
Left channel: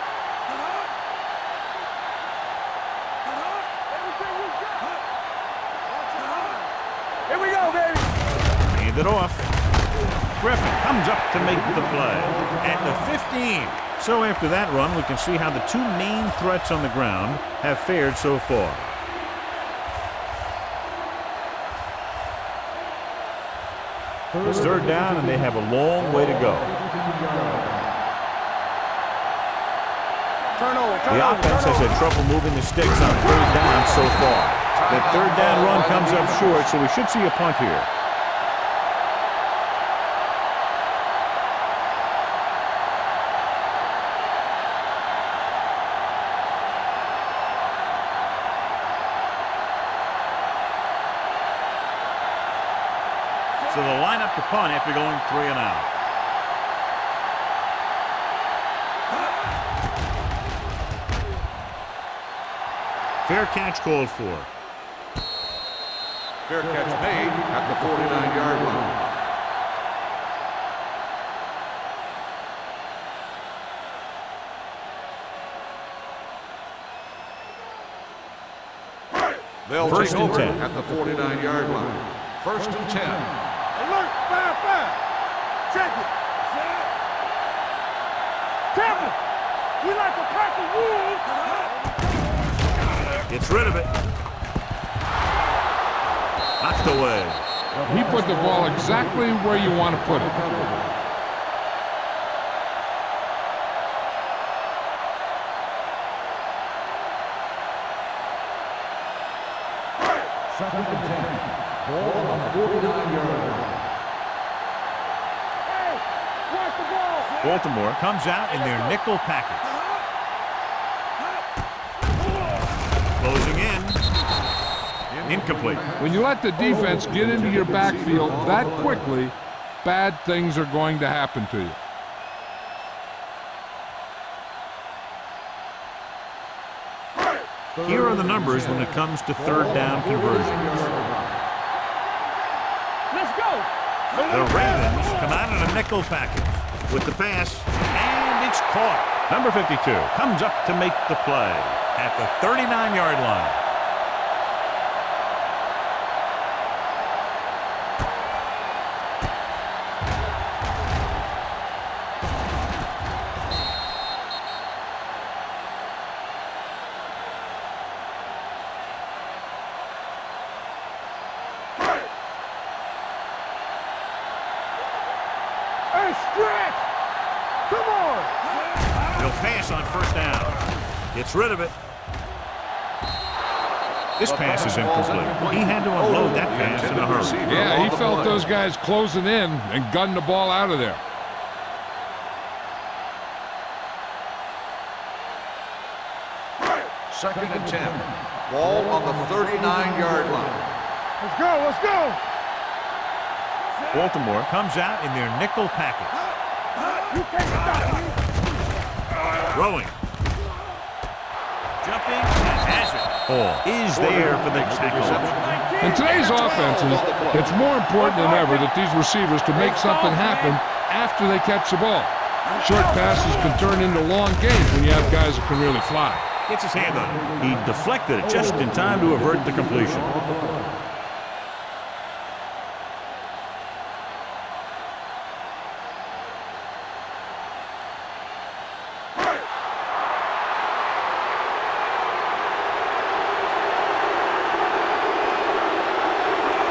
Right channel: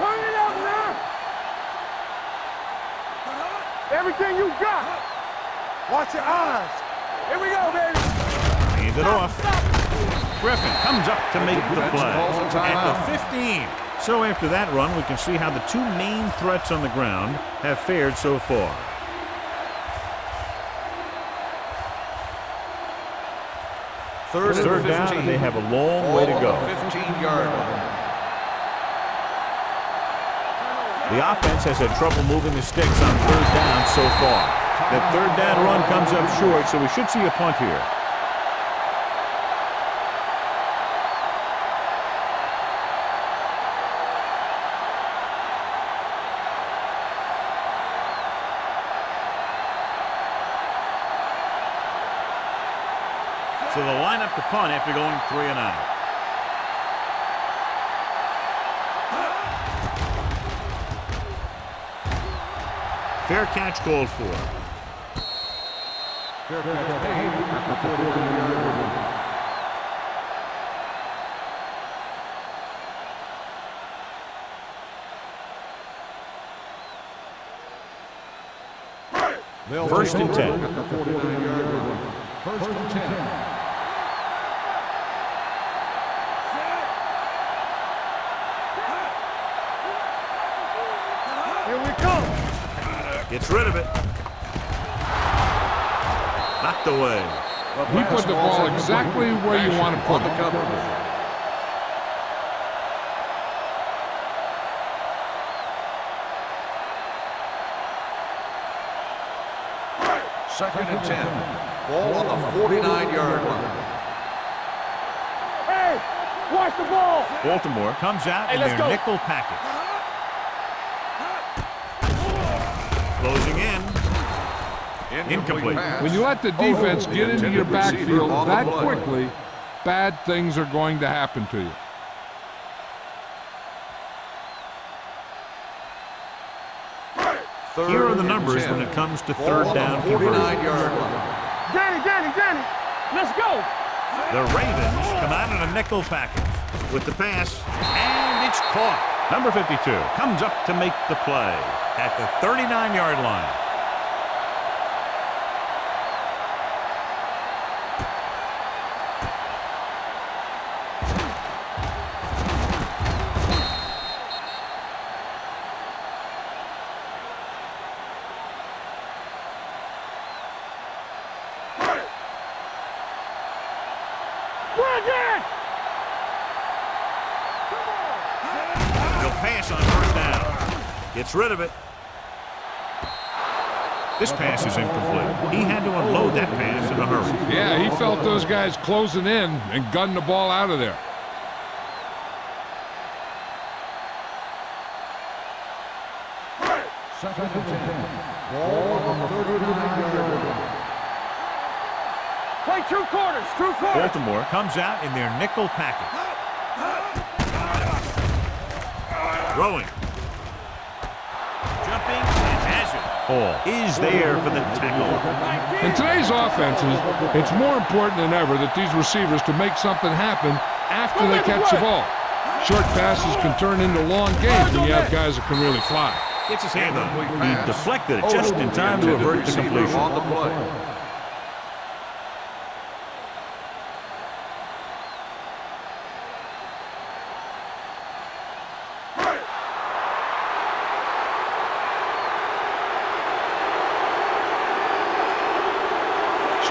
Turn it out now. Everything you got. Watch your eyes. Here we go, baby. Hand it off. Griffin comes up to make the play at the 15. So after that run, we can see how the two main threats on the ground have fared so far. It's third down, and they have a long way to go. 15-yard line. The offense has had trouble moving the sticks on third down so far. That third down run comes up short, so we should see a punt here. So they'll line up to punt after going 3 and out. Fair catch called for. Fair catch made at the 49-yard line. They'll 1st and 10 at the 49-yard line. 1st and 10. Alert, fire. Check it. Set. Tap. We like to crack the rules. Here we go. Gets rid of it. Knocked away. He put the ball exactly where you want to put it. Second and 10. Ball on the 49-yard line. Hey, watch the ball. Baltimore comes out in their nickel package. Closing in. Incomplete. When you let the defense get into your backfield that quickly, bad things are going to happen to you. Here are the numbers when it comes to third down conversions. Danny, let's go. The Ravens come out in a nickel package with the pass, and it's caught. Number 52 comes up to make the play at the 39-yard line. Pass on first down. Gets rid of it. This pass is incomplete. He had to unload that pass in a hurry. Yeah, he felt those guys closing in and gunned the ball out of there. Second and 10. Ball on the 39-yard line. Let's go. Play 2 quarters. Baltimore comes out in their nickel package. Throwing. Jumping and has it. Ball is there for the tackle. In today's offenses, it's more important than ever that these receivers to make something happen after they catch the ball. Short passes can turn into long gains when you have guys that can really fly. Gets his hand on it. He deflected it just in time to avert the completion.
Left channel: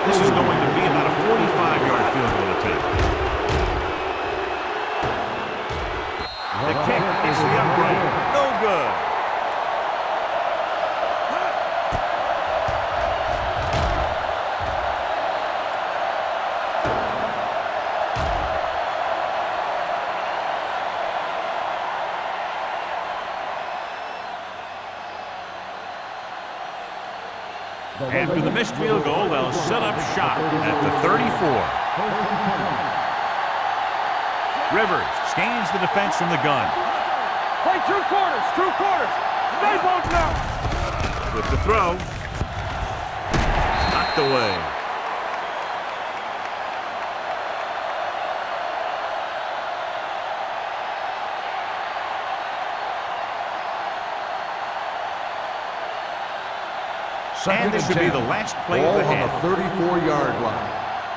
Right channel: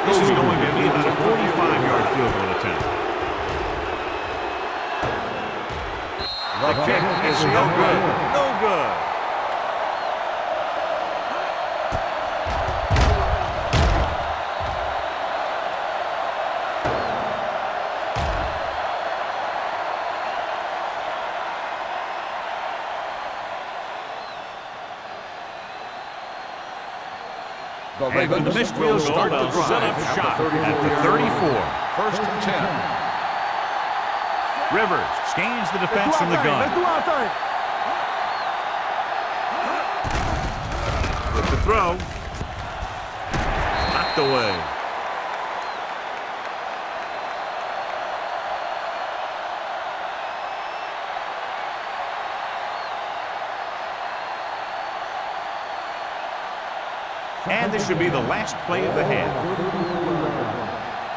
This is going to be about a 45-yard field goal attempt. The kick hits the upright. No good. After the missed field goal, they'll set up shop at the 34. First and 10. Rivers scans the defense from the gun. Play 2 quarters. With the throw. Knocked away. And this should be the last play of the half. 34-yard line.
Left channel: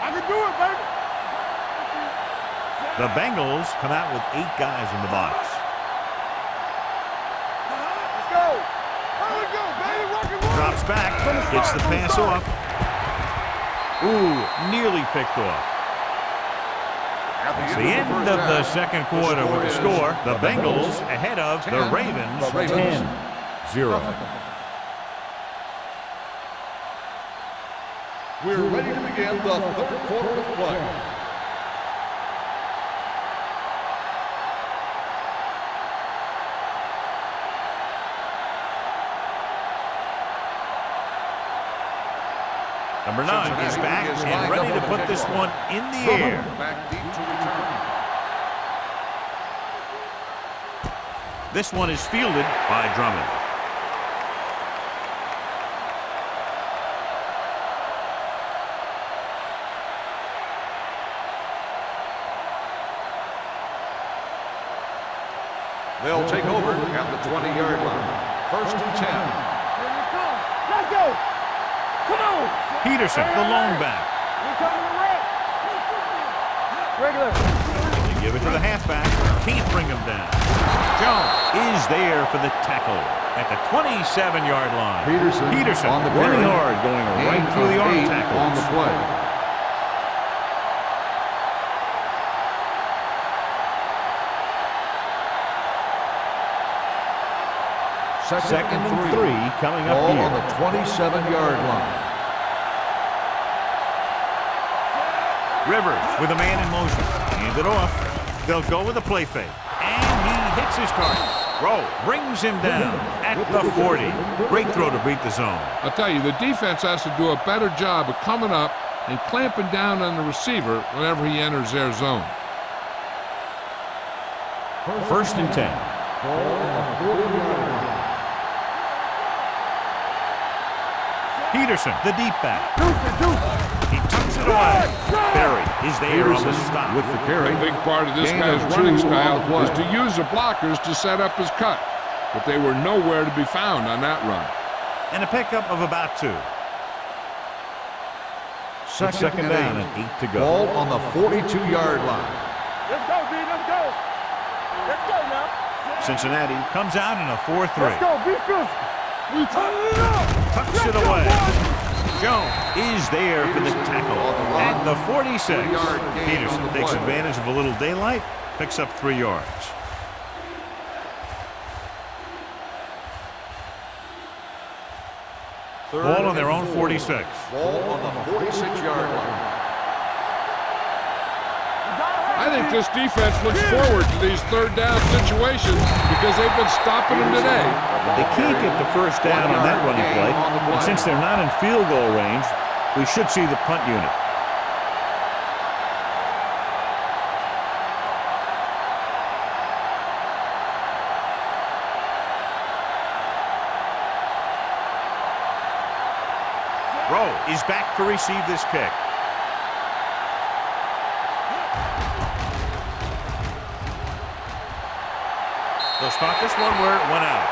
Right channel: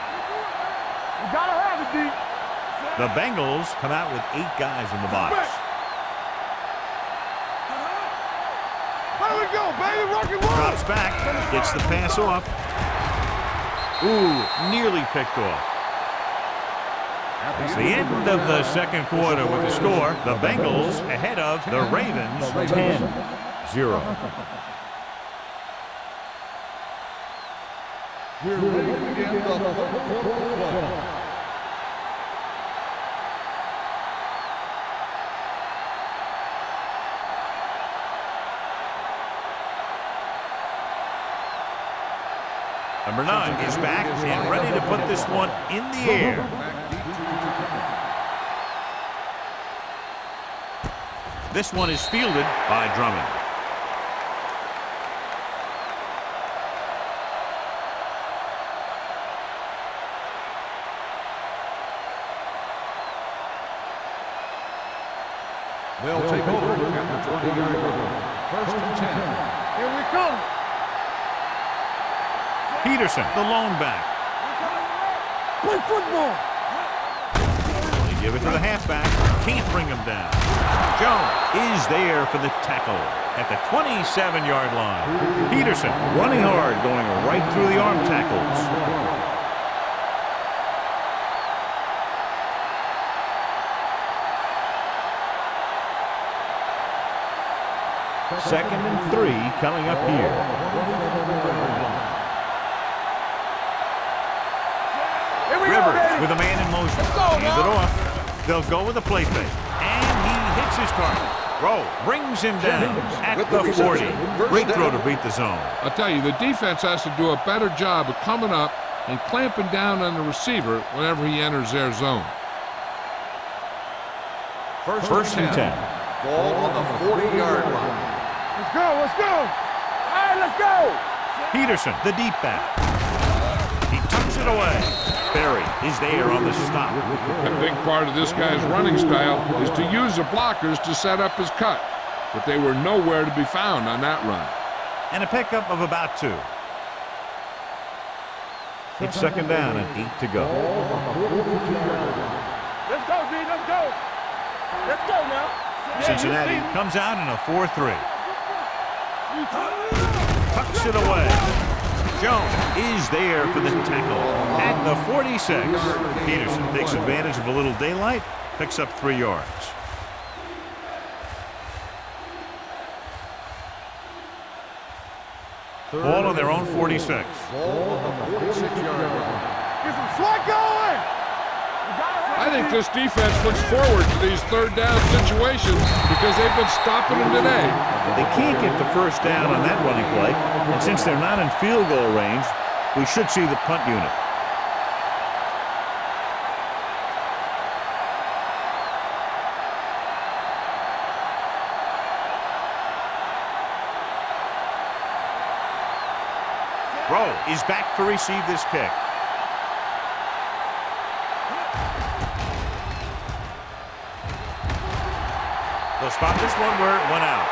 I can do it, baby. You gotta have it, D. The Bengals come out with 8 guys in the box. Let's go. Here we go, baby. Rock and roll. Drops back. Gets the pass off. Ooh, nearly picked off. It's the end of the second quarter with the score. The Bengals ahead of the Ravens 10-0. We're ready to begin the third quarter of play. Number 9 is back and ready to put this one in the air. Back deep to return. This one is fielded by Drummond. They'll take over at the 20-yard line. First and 10. Here we come. Let's go. Come on. Peterson, the lone back. We're coming to red. Play football. Regular. They give it to the halfback. Can't bring him down. Jones is there for the tackle at the 27-yard line. Peterson running hard, going right through the arm tackles. Second and 3 coming up here. 27-yard line. Rivers with a man in motion. Hand it off. They'll go with a play fake. And he hits his target. Rowe brings him down at the 40. Great throw to beat the zone. I'll tell you, the defense has to do a better job of coming up and clamping down on the receiver whenever he enters their zone. First and 10. Ball on the 40-yard line. Let's go, let's go. All right, let's go. Peterson, the deep back. He tucks it away. Berry is there on the stop. With the carry. A big part of this guy's running style is to use the blockers to set up his cut, but they were nowhere to be found on that run. And a pickup of about 2. It's second down and 8 to go. Ball on the 42-yard line. Let's go, D, let's go. Let's go now. Cincinnati comes out in a 4-3. Let's go, be good. We turn it up. Tucks it away. Jones is there for the tackle at the 46. Peterson takes advantage of a little daylight, picks up 3 yards. Ball on their own 46. Ball on the 46-yard line. Get some slack going. You gotta have I think it. this defense looks forward to these third down situations because they've been stopping them today. They can't get the first down on that running play, and since they're not in field goal range, we should see the punt unit. Rowe is back to receive this kick. They'll spot this one where it went out.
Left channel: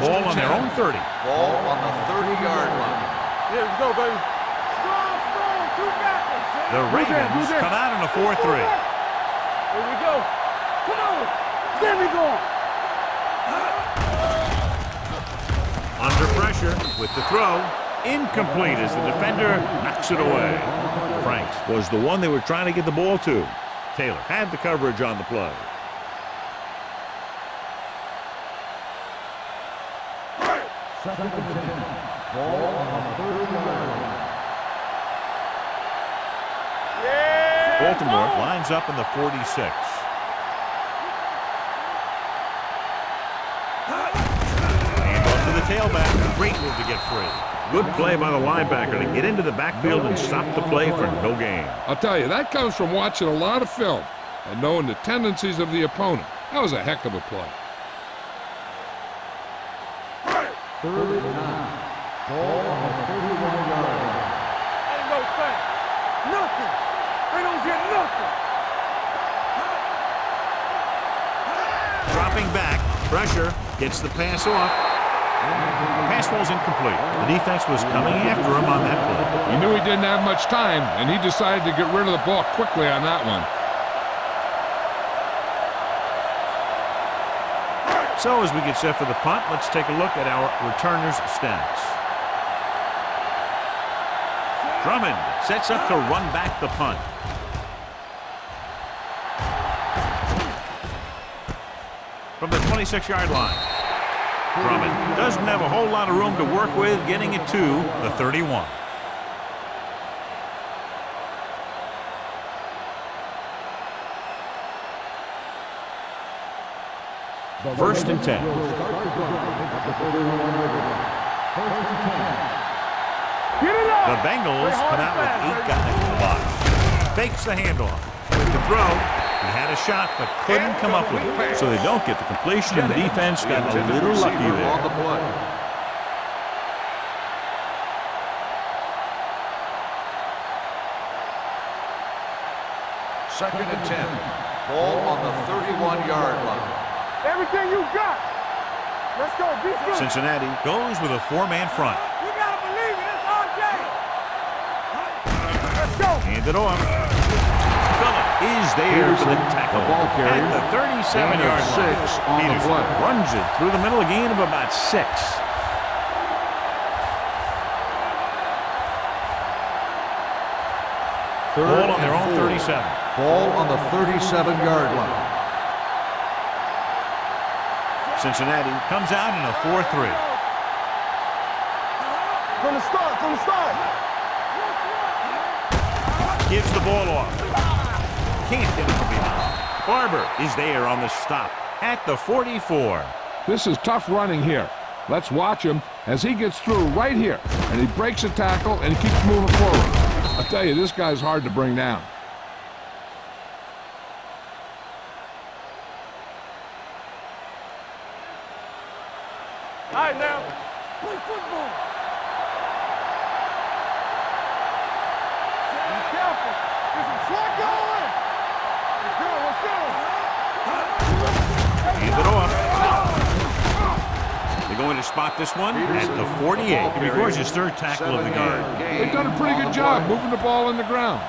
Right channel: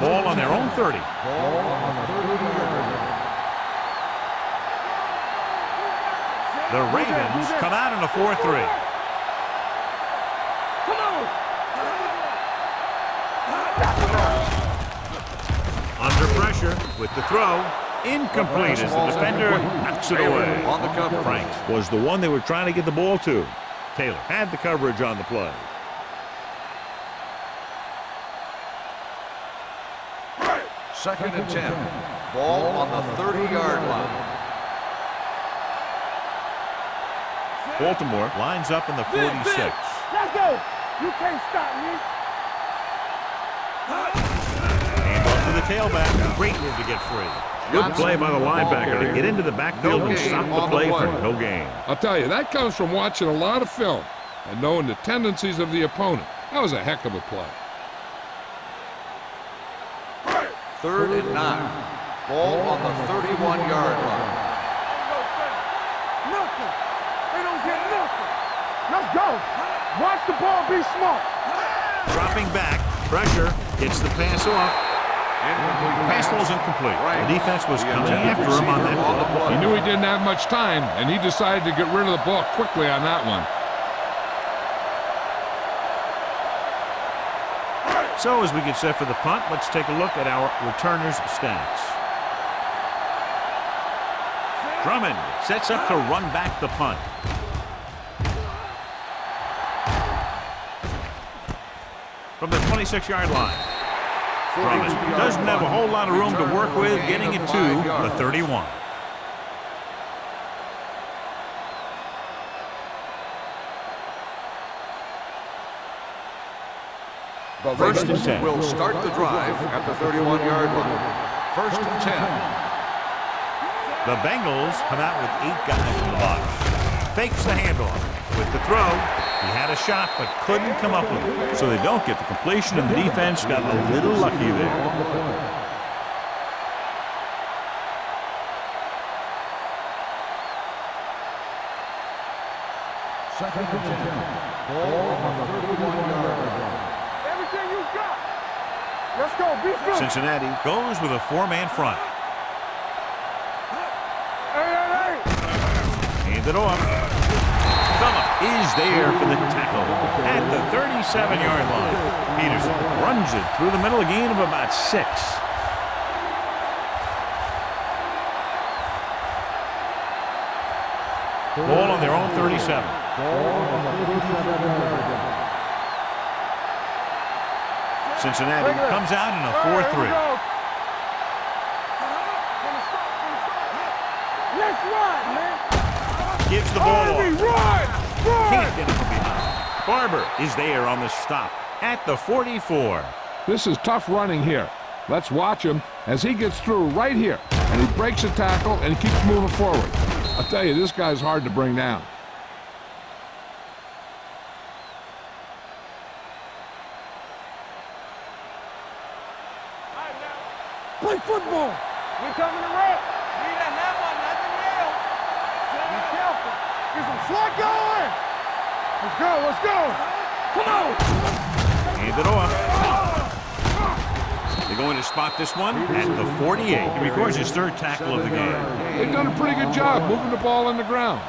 Ball on their own 30. Ball on the 30-yard line. Yeah, let's go, baby. Strong, strong, 2 backers. The Ravens come out in a 4-3. Here we go. Come on. There we go. Under pressure with the throw. Incomplete as the defender knocks it away. Franks was the one they were trying to get the ball to. Taylor had the coverage on the play. Second and 10. Ball on the 30-yard line. Baltimore lines up in the 46. Let's go. You can't stop me. And off to the tailback. Great move to get free. Good play by the linebacker to get into the backfield and stop the play for no gain. I'll tell you, that comes from watching a lot of film and knowing the tendencies of the opponent. That was a heck of a play. Third and 9. Ball on the 31-yard line. Ain't no thing. Nothing. They don't get nothing. Let's go. Watch the ball, be smart. Dropping back. Pressure. Gets the pass off. The pass ball's incomplete. The defense was coming after him on that play. He knew he didn't have much time, and he decided to get rid of the ball quickly on that one. So as we get set for the punt, let's take a look at our returners' stats. Drummond sets up to run back the punt. From the 26-yard line. Drummond doesn't have a whole lot of room to work with, getting it to the 31. First and 10. Will start the drive at the 31-yard line. First and 10. The Bengals come out with 8 guys in the box. Fakes the handoff. With the throw, he had a shot but couldn't come up with it. So they don't get the completion, and the defense got a little lucky there. Second and 10. Ball on the 31-yard line. Everything you got. Let's go. Be good. Cincinnati goes with a 4-man front. You gotta believe it. It's our game. Let's go. Hand it off. Phillip is there for the tackle at the 37-yard line. Peterson runs it through the middle, a gain of about 6. Ball on their own 37. Ball on the 37-yard line. Cincinnati comes out in a 4-3. From the start. Let's run, man. Gives the ball off. Can't get it from behind. Barber is there on the stop at the 44. This is tough running here. Let's watch him as he gets through right here. And he breaks a tackle and he keeps moving forward. I'll tell you, this guy's hard to bring down. All right, now. Play football. We coming around. Be careful. Get some slot going. Let's go. Hand it off. They're going to spot this one at the 48. He records his third tackle of the game. They've done a pretty good job moving the ball in the ground.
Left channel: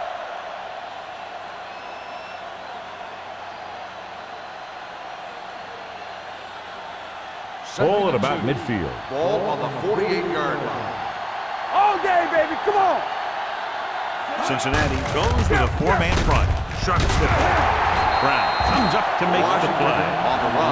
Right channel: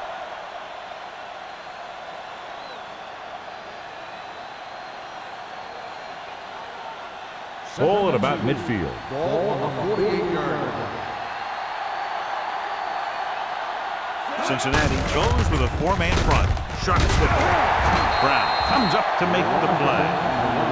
Ball at about midfield. Ball on the 48-yard line. All day, baby. Come on. Cincinnati goes with a four-man front. Sharp slip. Brown comes up to make the play.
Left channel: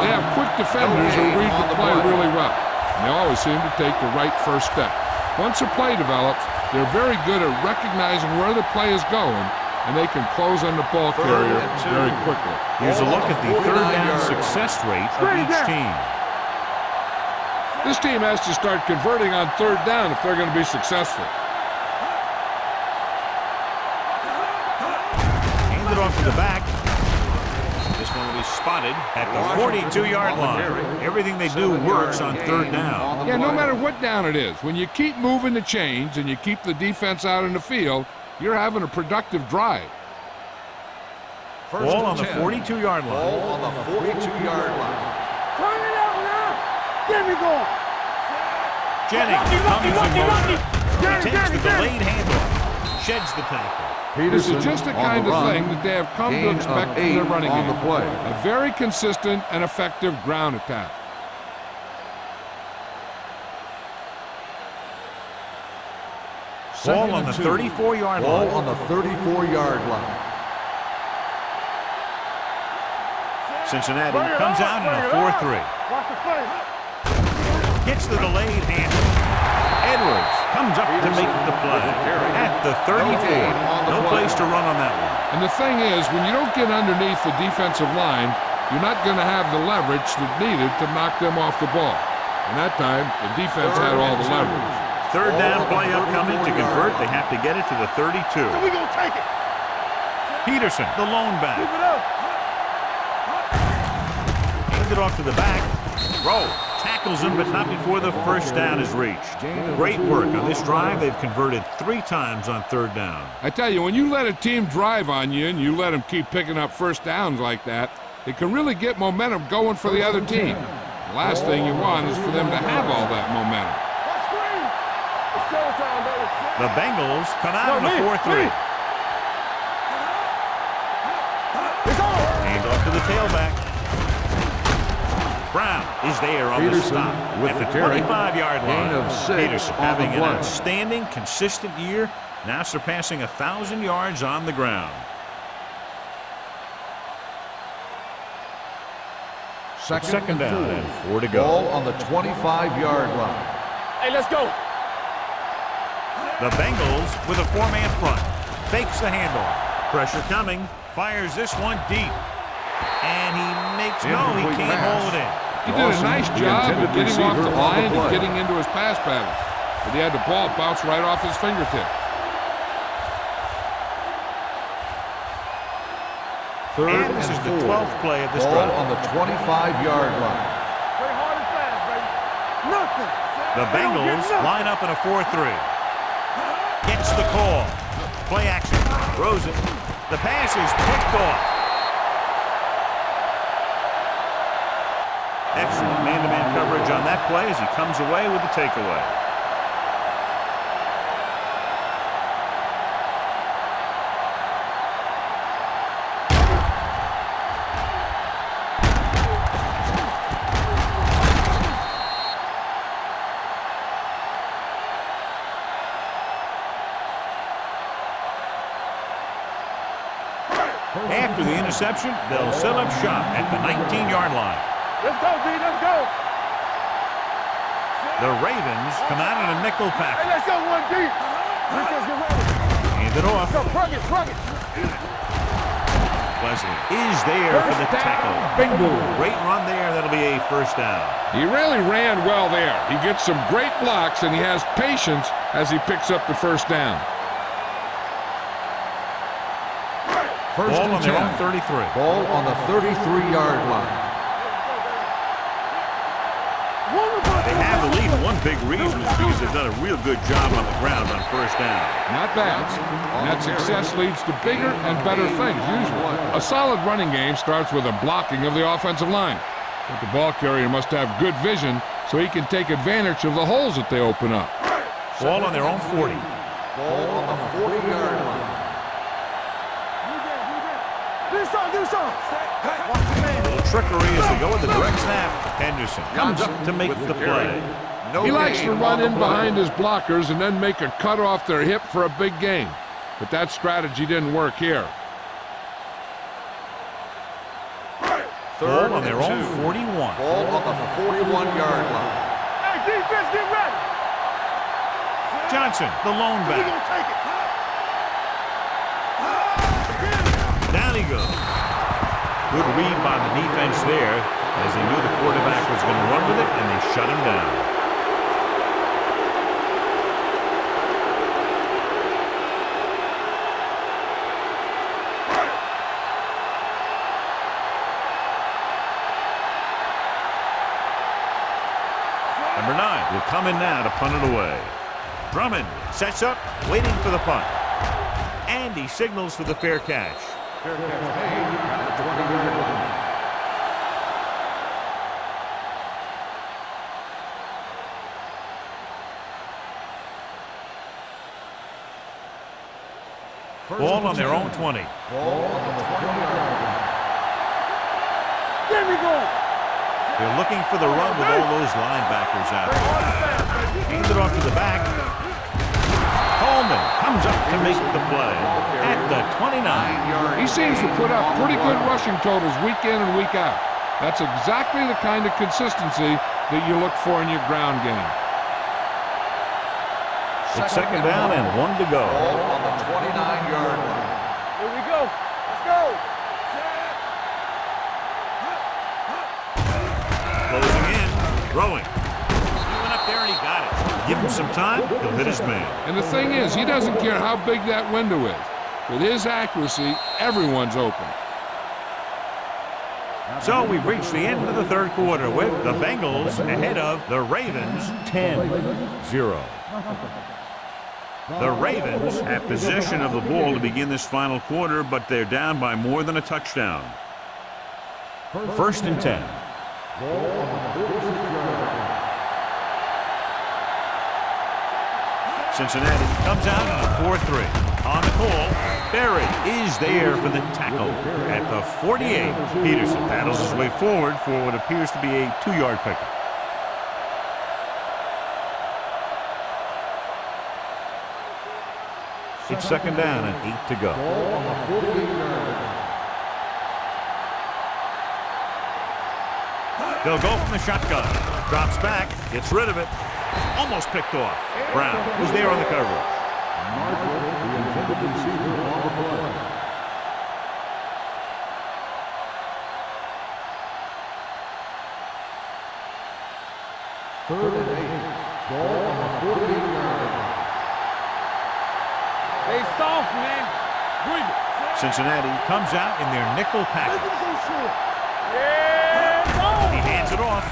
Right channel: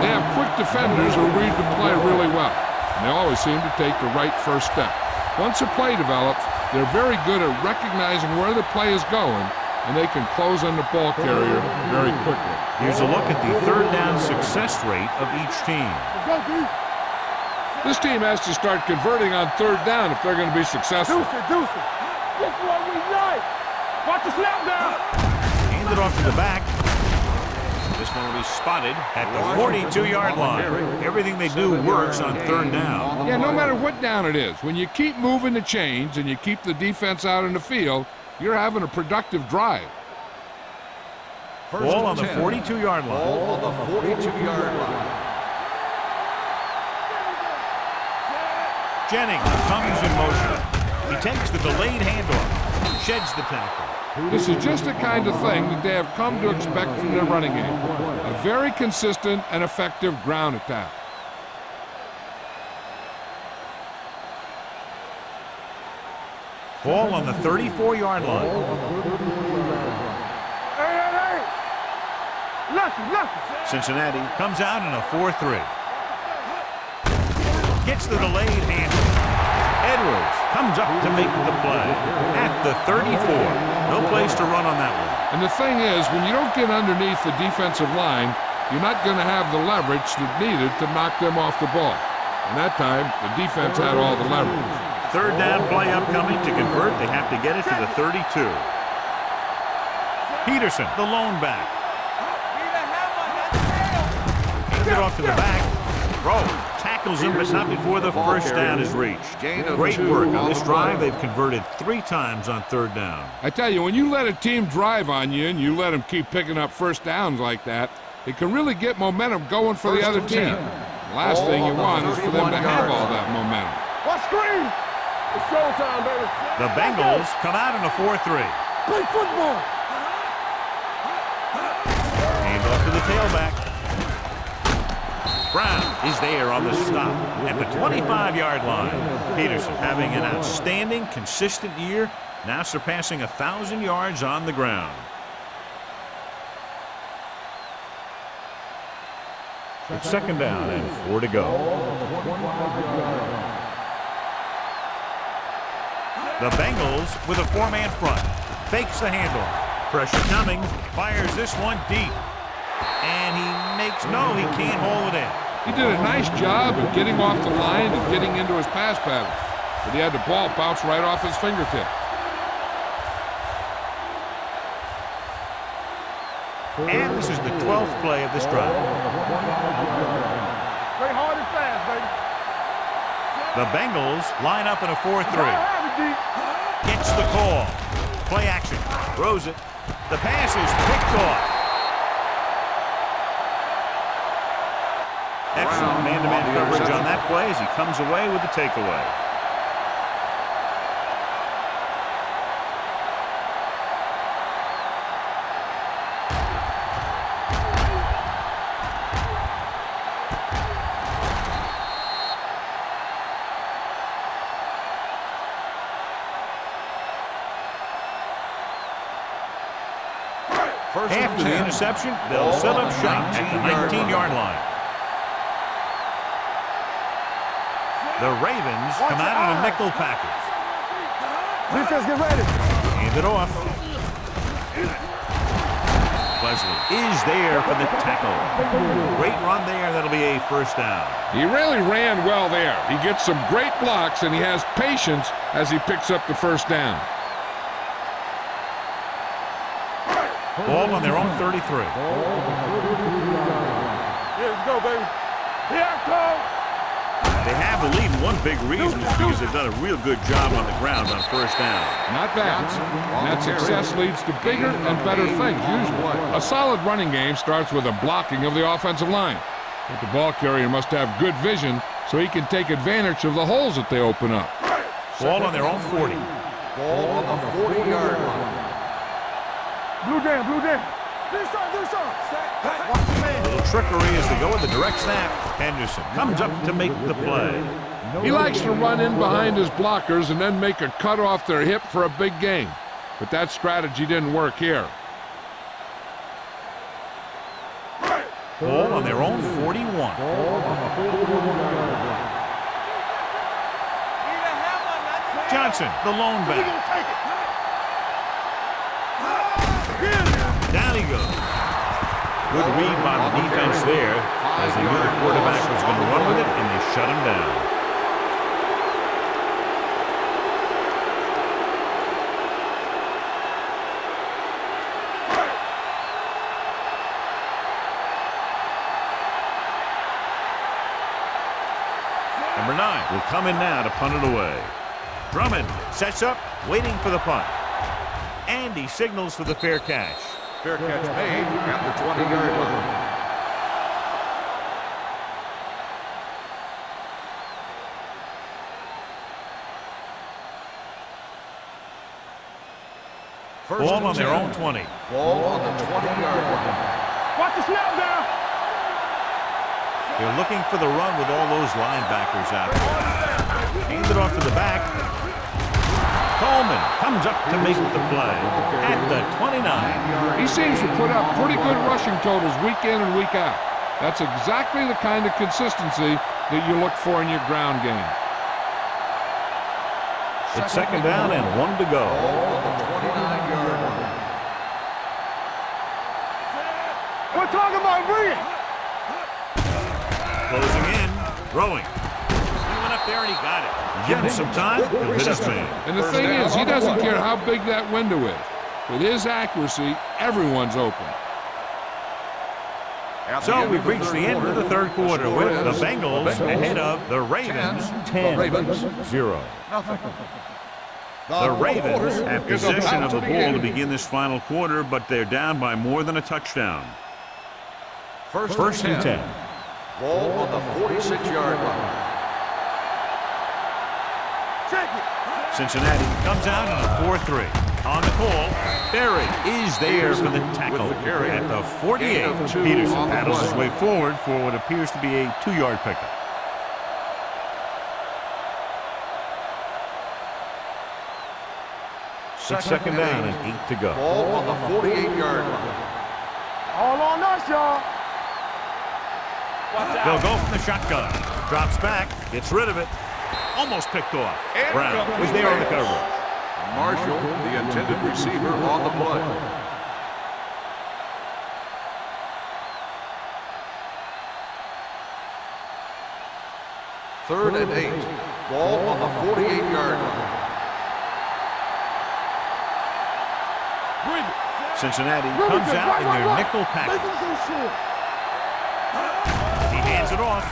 They have quick defenders who read the play really well, and they always seem to take the right first step. Once a play develops, they're very good at recognizing where the play is going, and they can close on the ball carrier very quickly. Here's a look at the third down success rate of each team. This team has to start converting on third down if they're going to be successful. Hand it off to the back. This one will be spotted at the 42-yard line. Everything they do works on third down. Yeah, no matter what down it is, when you keep moving the chains and you keep the defense out in the field, you're having a productive drive. Ball on the 42-yard line. Ball on the 42-yard line. Jennings comes in motion. He takes the delayed handoff, sheds the tackle. This is just the kind of thing that they have come to expect from their running game. A very consistent and effective ground attack. Ball on the 34-yard line. Ball on the 34-yard line. Cincinnati comes out in a 4-3. Gets the delayed handoff. Edwards comes up to make the play at the 34. No place to run on that one. And the thing is, when you don't get underneath the defensive line, you're not going to have the leverage that's needed to knock them off the ball. And that time, the defense had all the leverage. Third down play upcoming. To convert, they have to get it to the 32. Peterson, the lone back. Hands it off to the back. Rowe tackles him, but not before the first down is reached. Great work on this drive. They've converted 3 times on third down. I tell you, when you let a team drive on you and you let them keep picking up first downs like that, it can really get momentum going for the other team. The last thing you want is for them to have all that momentum. Watch screen. It's showtime, baby. The Bengals come out in a 4-3. Play football. Hand off to the tailback. Brown is there on the stop at the 25-yard line. Peterson having an outstanding, consistent year, now surpassing 1,000 yards on the ground. Second down and 4 to go. Ball on the 25-yard line. Hey, let's go. The Bengals with a 4-man front. Fakes the handoff. Pressure coming. Fires this one deep. And he makes no, he can't hold it in. He did a nice job of getting off the line and getting into his pass pattern. But he had the ball bounce right off his fingertip. And this is the 12th play of this drive. On the 25-yard line. Play hard and fast, baby. Nothing. The Bengals line up in a 4-3. Gets the call. Play action. Throws it. The pass is picked off. Excellent man-to-man coverage on that play as he comes away with the takeaway. After the interception, they'll set up shop at the 19-yard line. Let's go, B. Let's go. The Ravens come out in a nickel package. Let's go, 1B. Defense, get ready. Hand it off. Run it. Wesley is there for the tackle. Great run there. That'll be a first down. He really ran well there. He gets some great blocks, and he has patience as he picks up the first down. Ball on their own 33. Ball on the 33-yard line. Let's go, baby. Here I come. They have the lead. One big reason is because they've done a real good job on the ground on first down. Not bad. And that success leads to bigger and better things, usually. A solid running game starts with a blocking of the offensive line. But the ball carrier must have good vision so he can take advantage of the holes that they open up. Ball on their own 40. Ball on the 40-yard line. Blue down. Do something. Watch the man. Little trickery as they go with the direct snap. Henderson comes up to make the play. He likes to run in behind his blockers and then make a cut off their hip for a big gain. But that strategy didn't work here. Ball on their own 41. Ball on the 41-yard line. Hey, defense, get ready. Johnson, the lone We back. gonna take it. Down he goes. Good read by the defense there, as they knew the quarterback was going to run with it, and they shut him down. Number 9 will come in now to punt it away. Drummond sets up, waiting for the punt. And he signals for the fair catch. Fair catch made at the 20-yard line. Ball on their own 20. Ball on the 20-yard line. Watch the snap down. There we go. They're looking for the run with all those linebackers out there. Hand it off to the back. Coleman comes up to make the play at the 29. He seems to put up pretty good rushing totals week in and week out. That's exactly the kind of consistency that you look for in your ground game. It's second down and 1 to go. Ball on the 29-yard line. Here we go. Let's go. Set. We're talking about Williams. Closing in, throwing. He went up there and he got it. You give him some time, he'll hit his man. And the thing is, he doesn't care how big that window is. With his accuracy, everyone's open. So we've reached the end of the third quarter with the Bengals ahead of the Ravens 10-0. The Ravens have possession of the ball to begin this final quarter, but they're down by more than a touchdown. First and 10. Ball on the 46-yard line. Cincinnati comes out in a 4-3. On the call, Berry is there for the tackle at the 48. Peterson paddles his way forward for what appears to be a 2-yard pickup. It's second down and 8 to go. Ball on the 48-yard line. All on us, y'all. They'll go from the shotgun. Drops back, gets rid of it. Almost picked off. Brown was there on the coverage. Marshall, the intended receiver, on the play. Third and 8. Ball on the 48-yard line. Hey, soft, man. Bring it. Cincinnati comes out in their nickel Make package. him go short. He hands it off,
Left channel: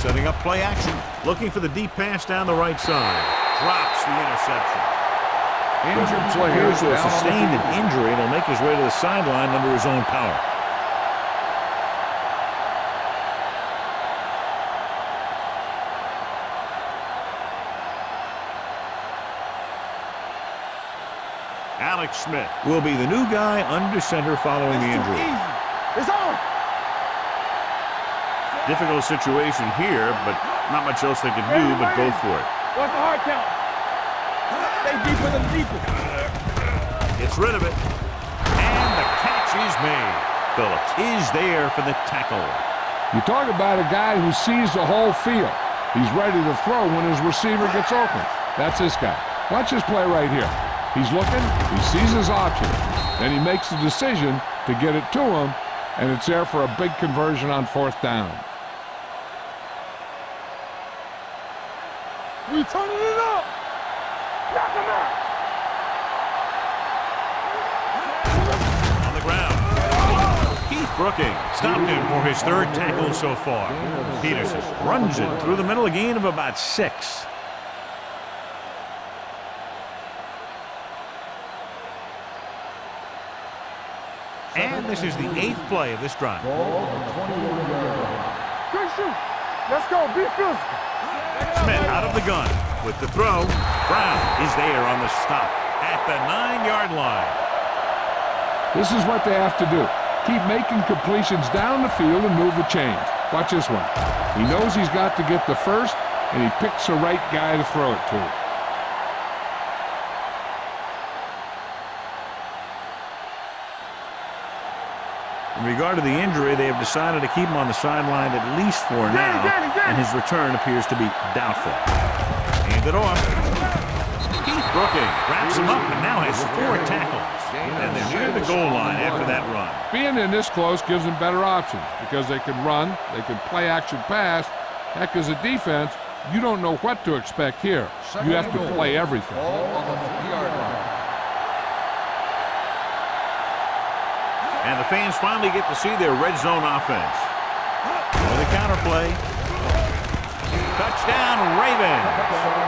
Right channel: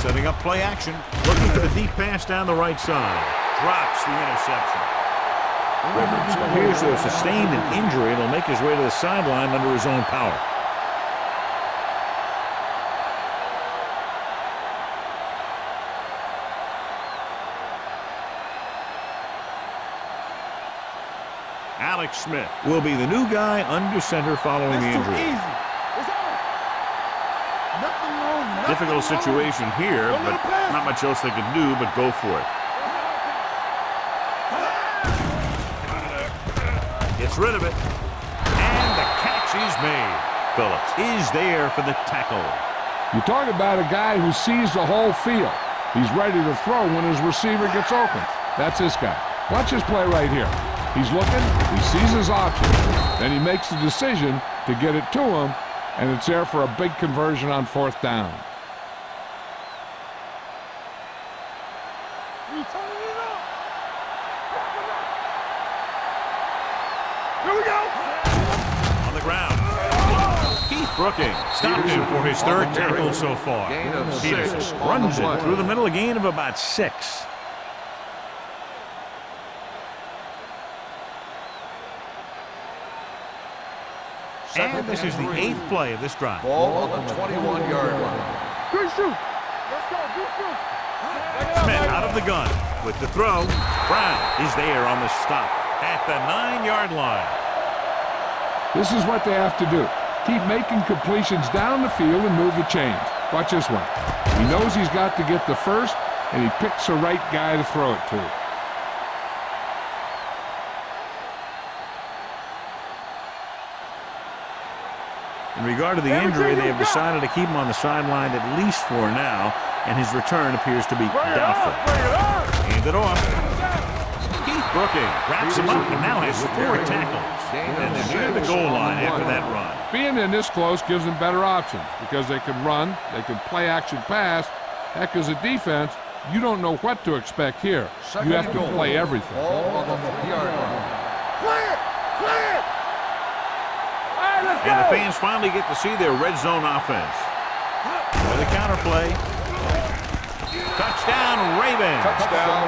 setting up play action, looking for the deep pass down the right side. Drops the interception. Rivers appears to have sustained an injury and will make his way to the sideline under his own power. Alex Smith will be the new guy under center following the injury. Easy. It's on. Difficult situation here, but not much else they can do but go for it. What's the hard count? Gets rid of it. And And the catch is made. Phillips is there for the tackle. You talk about a guy who sees the whole field. He's ready to throw when his receiver gets open. That's this guy. Watch this play right here. He's looking, he sees his option, then he makes the decision to get it to him, and it's there for a big conversion on 4th down. We turning it up. Knock him out. Here we go. On the ground. Keith Brooking stopped him for his 3rd tackle so far. Peterson runs it through the middle, a gain of about 6. And this is the 8th play of this drive. Ball on the 21-yard line. Good shoot. Let's go. Be physical. Smith out of the gun with the throw. Brown is there on the stop at the 9-yard line. This is what they have to do. Keep making completions down the field and move the chains. Watch this one. He knows he's got to get the first, and he picks the right guy to throw it to. In regard to the injury, they have decided to keep him on the sideline at least for now, and his return appears to be doubtful. Hand it off. Keith Brooking wraps him up and now has 4 tackles. And they're near the goal line after that run. Being in this close gives them better options because they can run, they can play action pass. Heck, as a defense, you don't know what to expect here. You have to play everything. Ball on the 3-yard line. And the fans finally get to see their red zone offense. With a counter play. Touchdown, Ravens.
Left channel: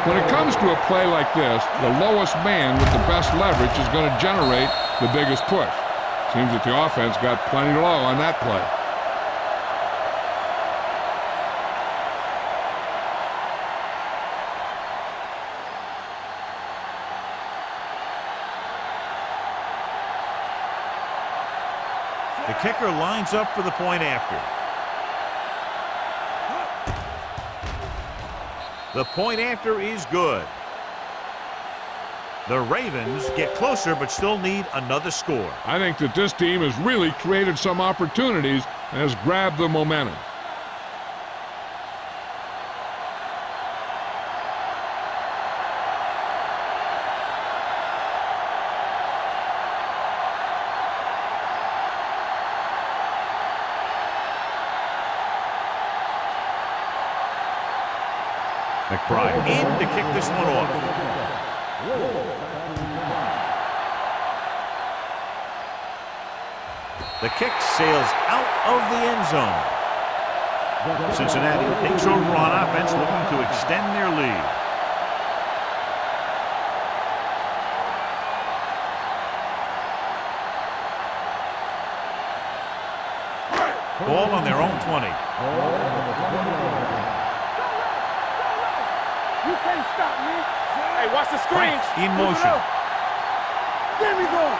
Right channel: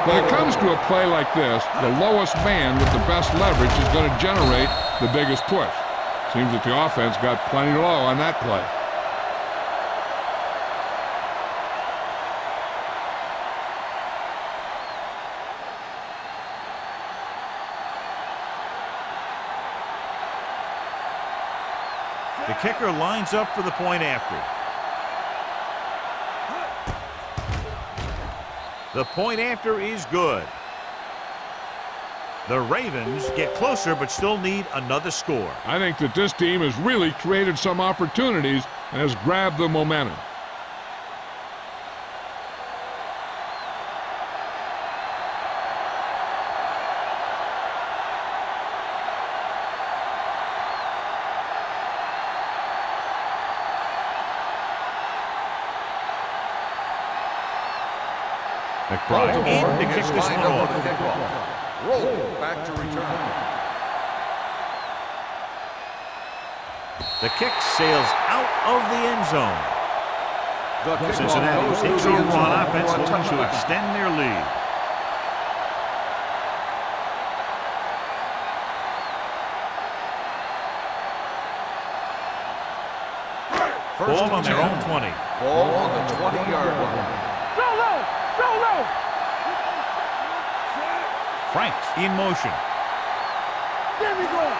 When it comes to a play like this, the lowest man with the best leverage is going to generate the biggest push. Seems that the offense got plenty low on that play. The kicker lines up for the point after. The point after is good. The Ravens get closer but still need another score. I think that this team has really created some opportunities and has grabbed the momentum. McBride in to kick this one off. Roll back to return. The kick sails out of the end zone. Cincinnati takes over on offense, looking to extend their lead. Ball on their own 20. Ball on the 20-yard line. Franks in motion. Get me going.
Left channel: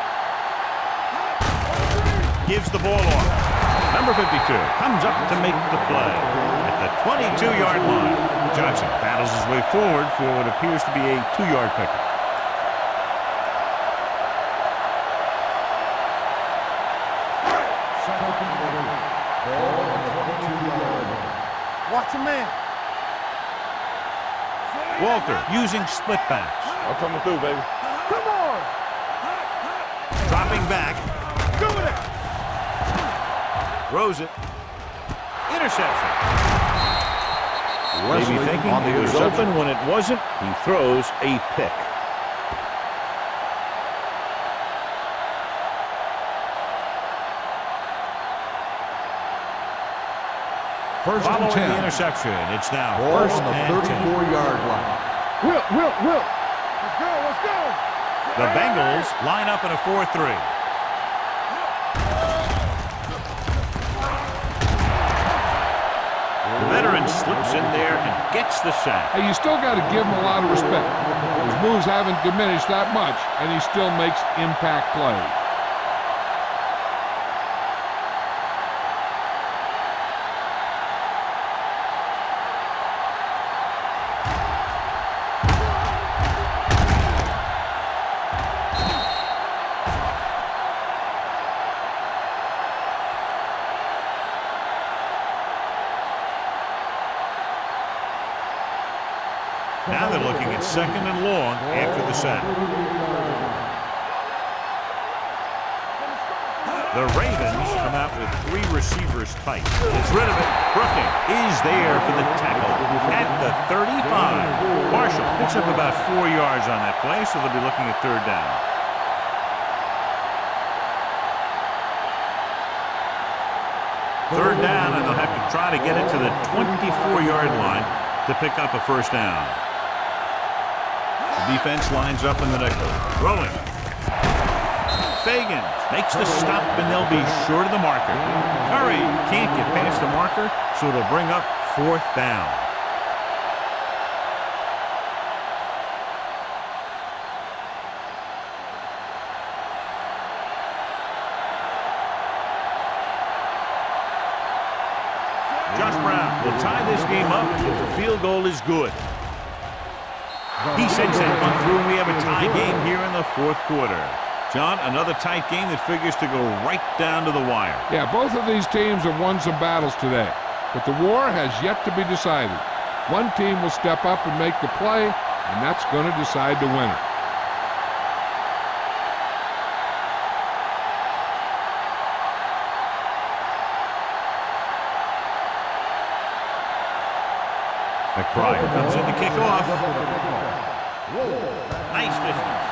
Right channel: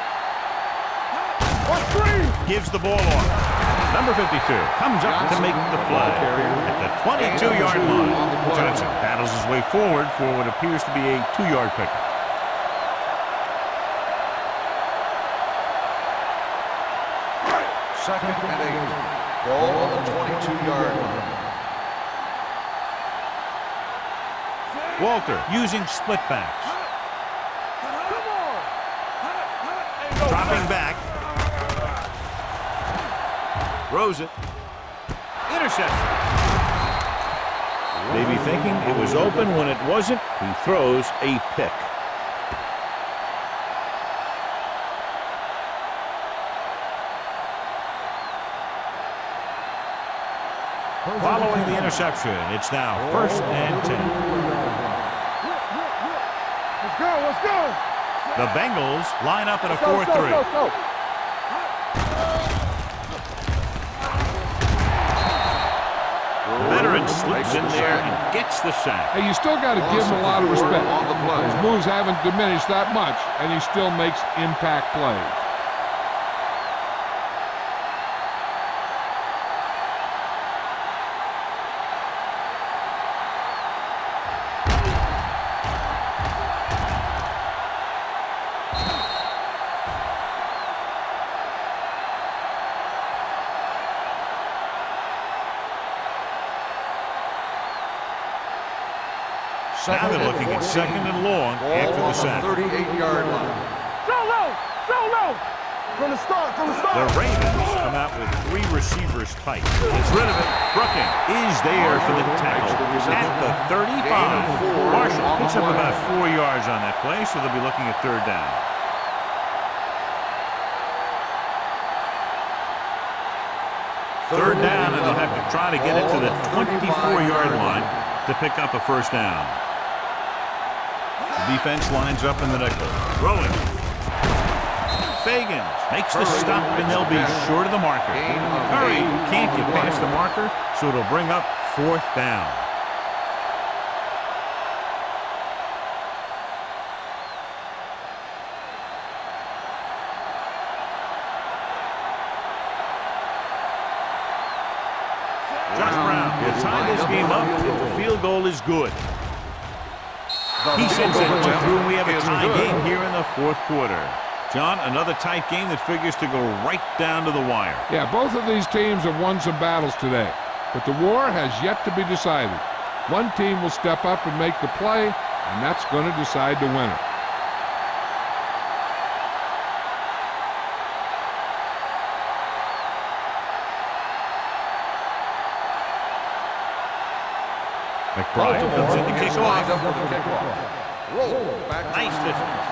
Gives the ball off. Number 52 comes up to make the play at the 22-yard line. Johnson battles his way forward for what appears to be a 2-yard pickup. Second and 8. Ball on the 22-yard line. Watch your man. Walter using split backs. I'm coming through, baby. Come on. Dropping back. Throws it. Interception. Maybe thinking it was open when it wasn't. He throws a pick. Following the interception, it's now 1st and 10. 34-yard line. Will. Let's go. The Bengals line up in a 4-3. The veteran slips in there and gets the sack. Hey, you still got to give him a lot of respect. His moves haven't diminished that much, and he still makes impact plays. Now they're looking at 2nd and long after the sack. 38-yard line. The Ravens come out with 3 receivers tight. Gets rid of it. Brooking is there for the tackle at the 35. Marshall picks up about 4 yards on that play, so they'll be looking at 3rd down. Third down, and they'll have to try to get it to the 24-yard line to pick up a 1st down. The defense lines up in the nickel. Rolling. Fagans makes the stop, and they'll be short of the marker. Curry can't get past the marker, so it'll bring up 4th down. Josh Brown will tie this game up if the field goal is good. He sends that one through, and we have a tie game here in the 4th quarter. John, another tight game that figures to go right down to the wire. Yeah, both of these teams have won some battles today, but the war has yet to be decided. One team will step up and make the play, and that's going to decide the winner. McBride comes in to kick off. Nice distance.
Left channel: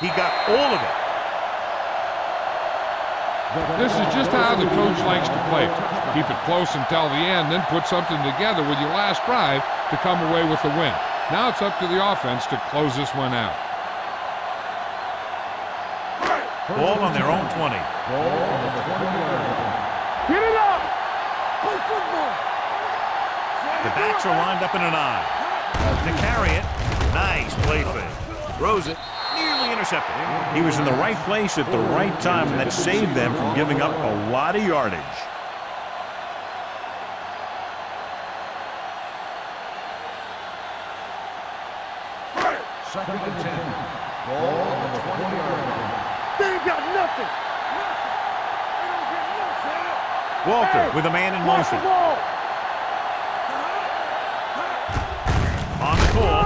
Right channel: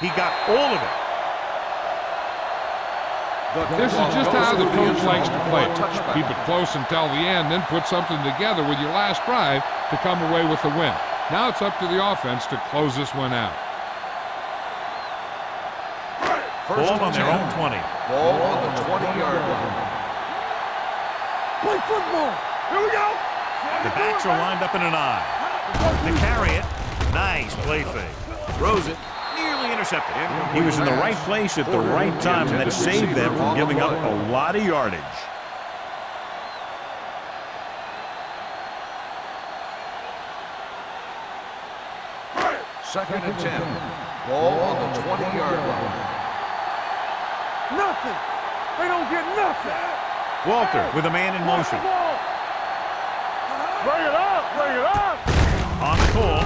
He got all of it. This is just how the coach likes to play it. Keep it close until the end, then put something together with your last drive to come away with the win. Now it's up to the offense to close this one out. Ball on their own 20. Ball on the 20-yard line. Get it up. Play football. Here we go. The backs are lined up in an I. To carry it. Nice play fake. Throws it. Nearly intercepted. He was in the right place at the right time, and that saved them from giving up a lot of yardage. Second and 10. Ball on the 20-yard line. They ain't got nothing. Nothing. They don't get nothing. Walter with a man in motion. On the call.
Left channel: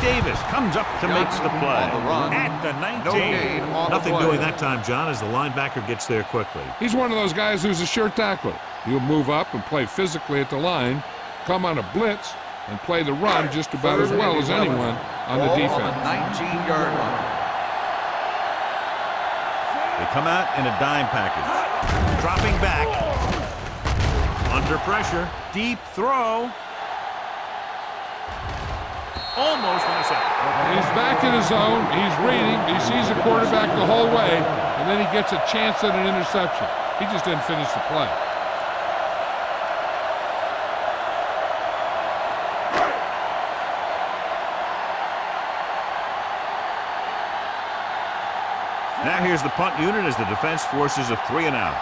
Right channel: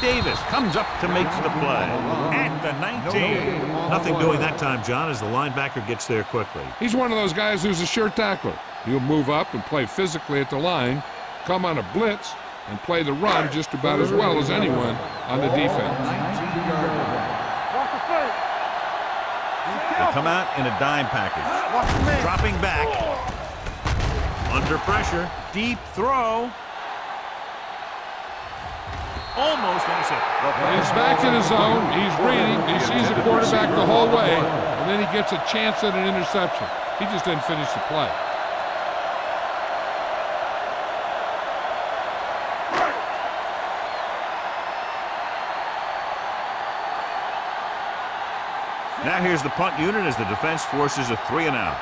Davis comes up to make the play at the 19. Nothing doing that time, John, as the linebacker gets there quickly. He's one of those guys who's a sure tackler. He'll move up and play physically at the line, come on a blitz, and play the run just about as well as anyone on the defense. 19-yard line. They come out in a dime package. Dropping back. Under pressure. Deep throw. Almost intercepted. He's back in his zone. He's reading. He sees the quarterback the whole way, and then he gets a chance at an interception. He just didn't finish the play. Now here's the punt unit as the defense forces a 3-and-out.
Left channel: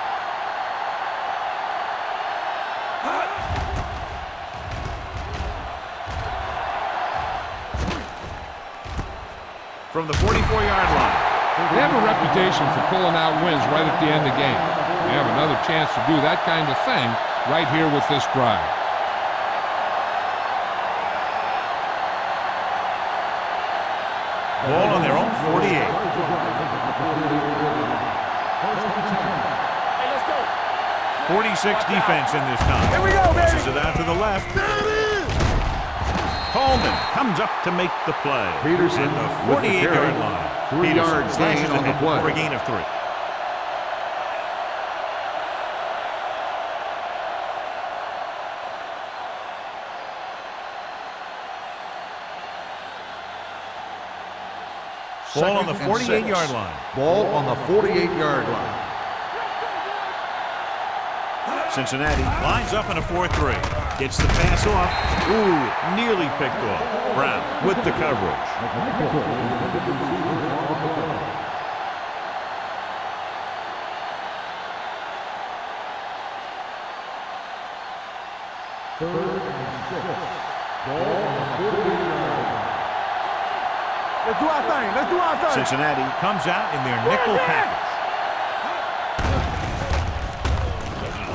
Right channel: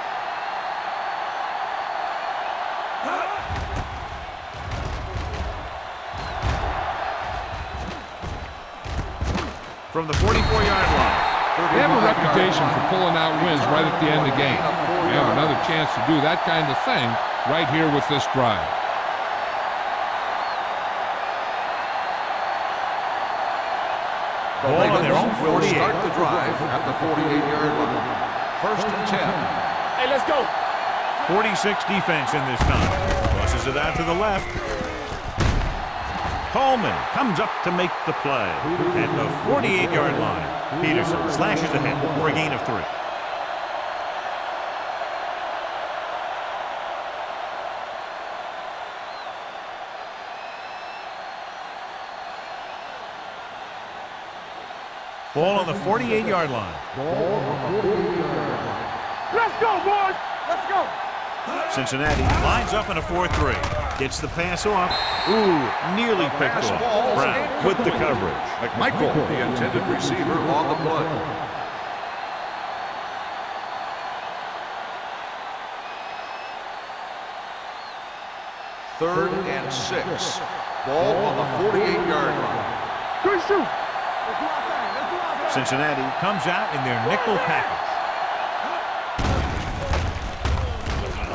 From the 44-yard line. They have a reputation for pulling out wins right at the end of the game. They have another chance to do that kind of thing right here with this drive. Ball on their own 48. Start the drive at the 48-yard line. First and 10. Hey, let's go. 46 defense in this time. Tosses it out to the left. Coleman comes up to make the play at the 48-yard line. Peterson slashes ahead for a gain of 3. Ball on the 48-yard line. Ball on the 48-yard line. Let's go, boys. Let's go. Cincinnati lines up in a 4-3. Gets the pass off. Ooh, nearly picked off. Brown with the coverage. McMichael, the intended receiver, on the play. Third and 6. Ball on the 48-yard line. Good shoot. Let's do our thing. Let's do our thing. Cincinnati comes out in their nickel package.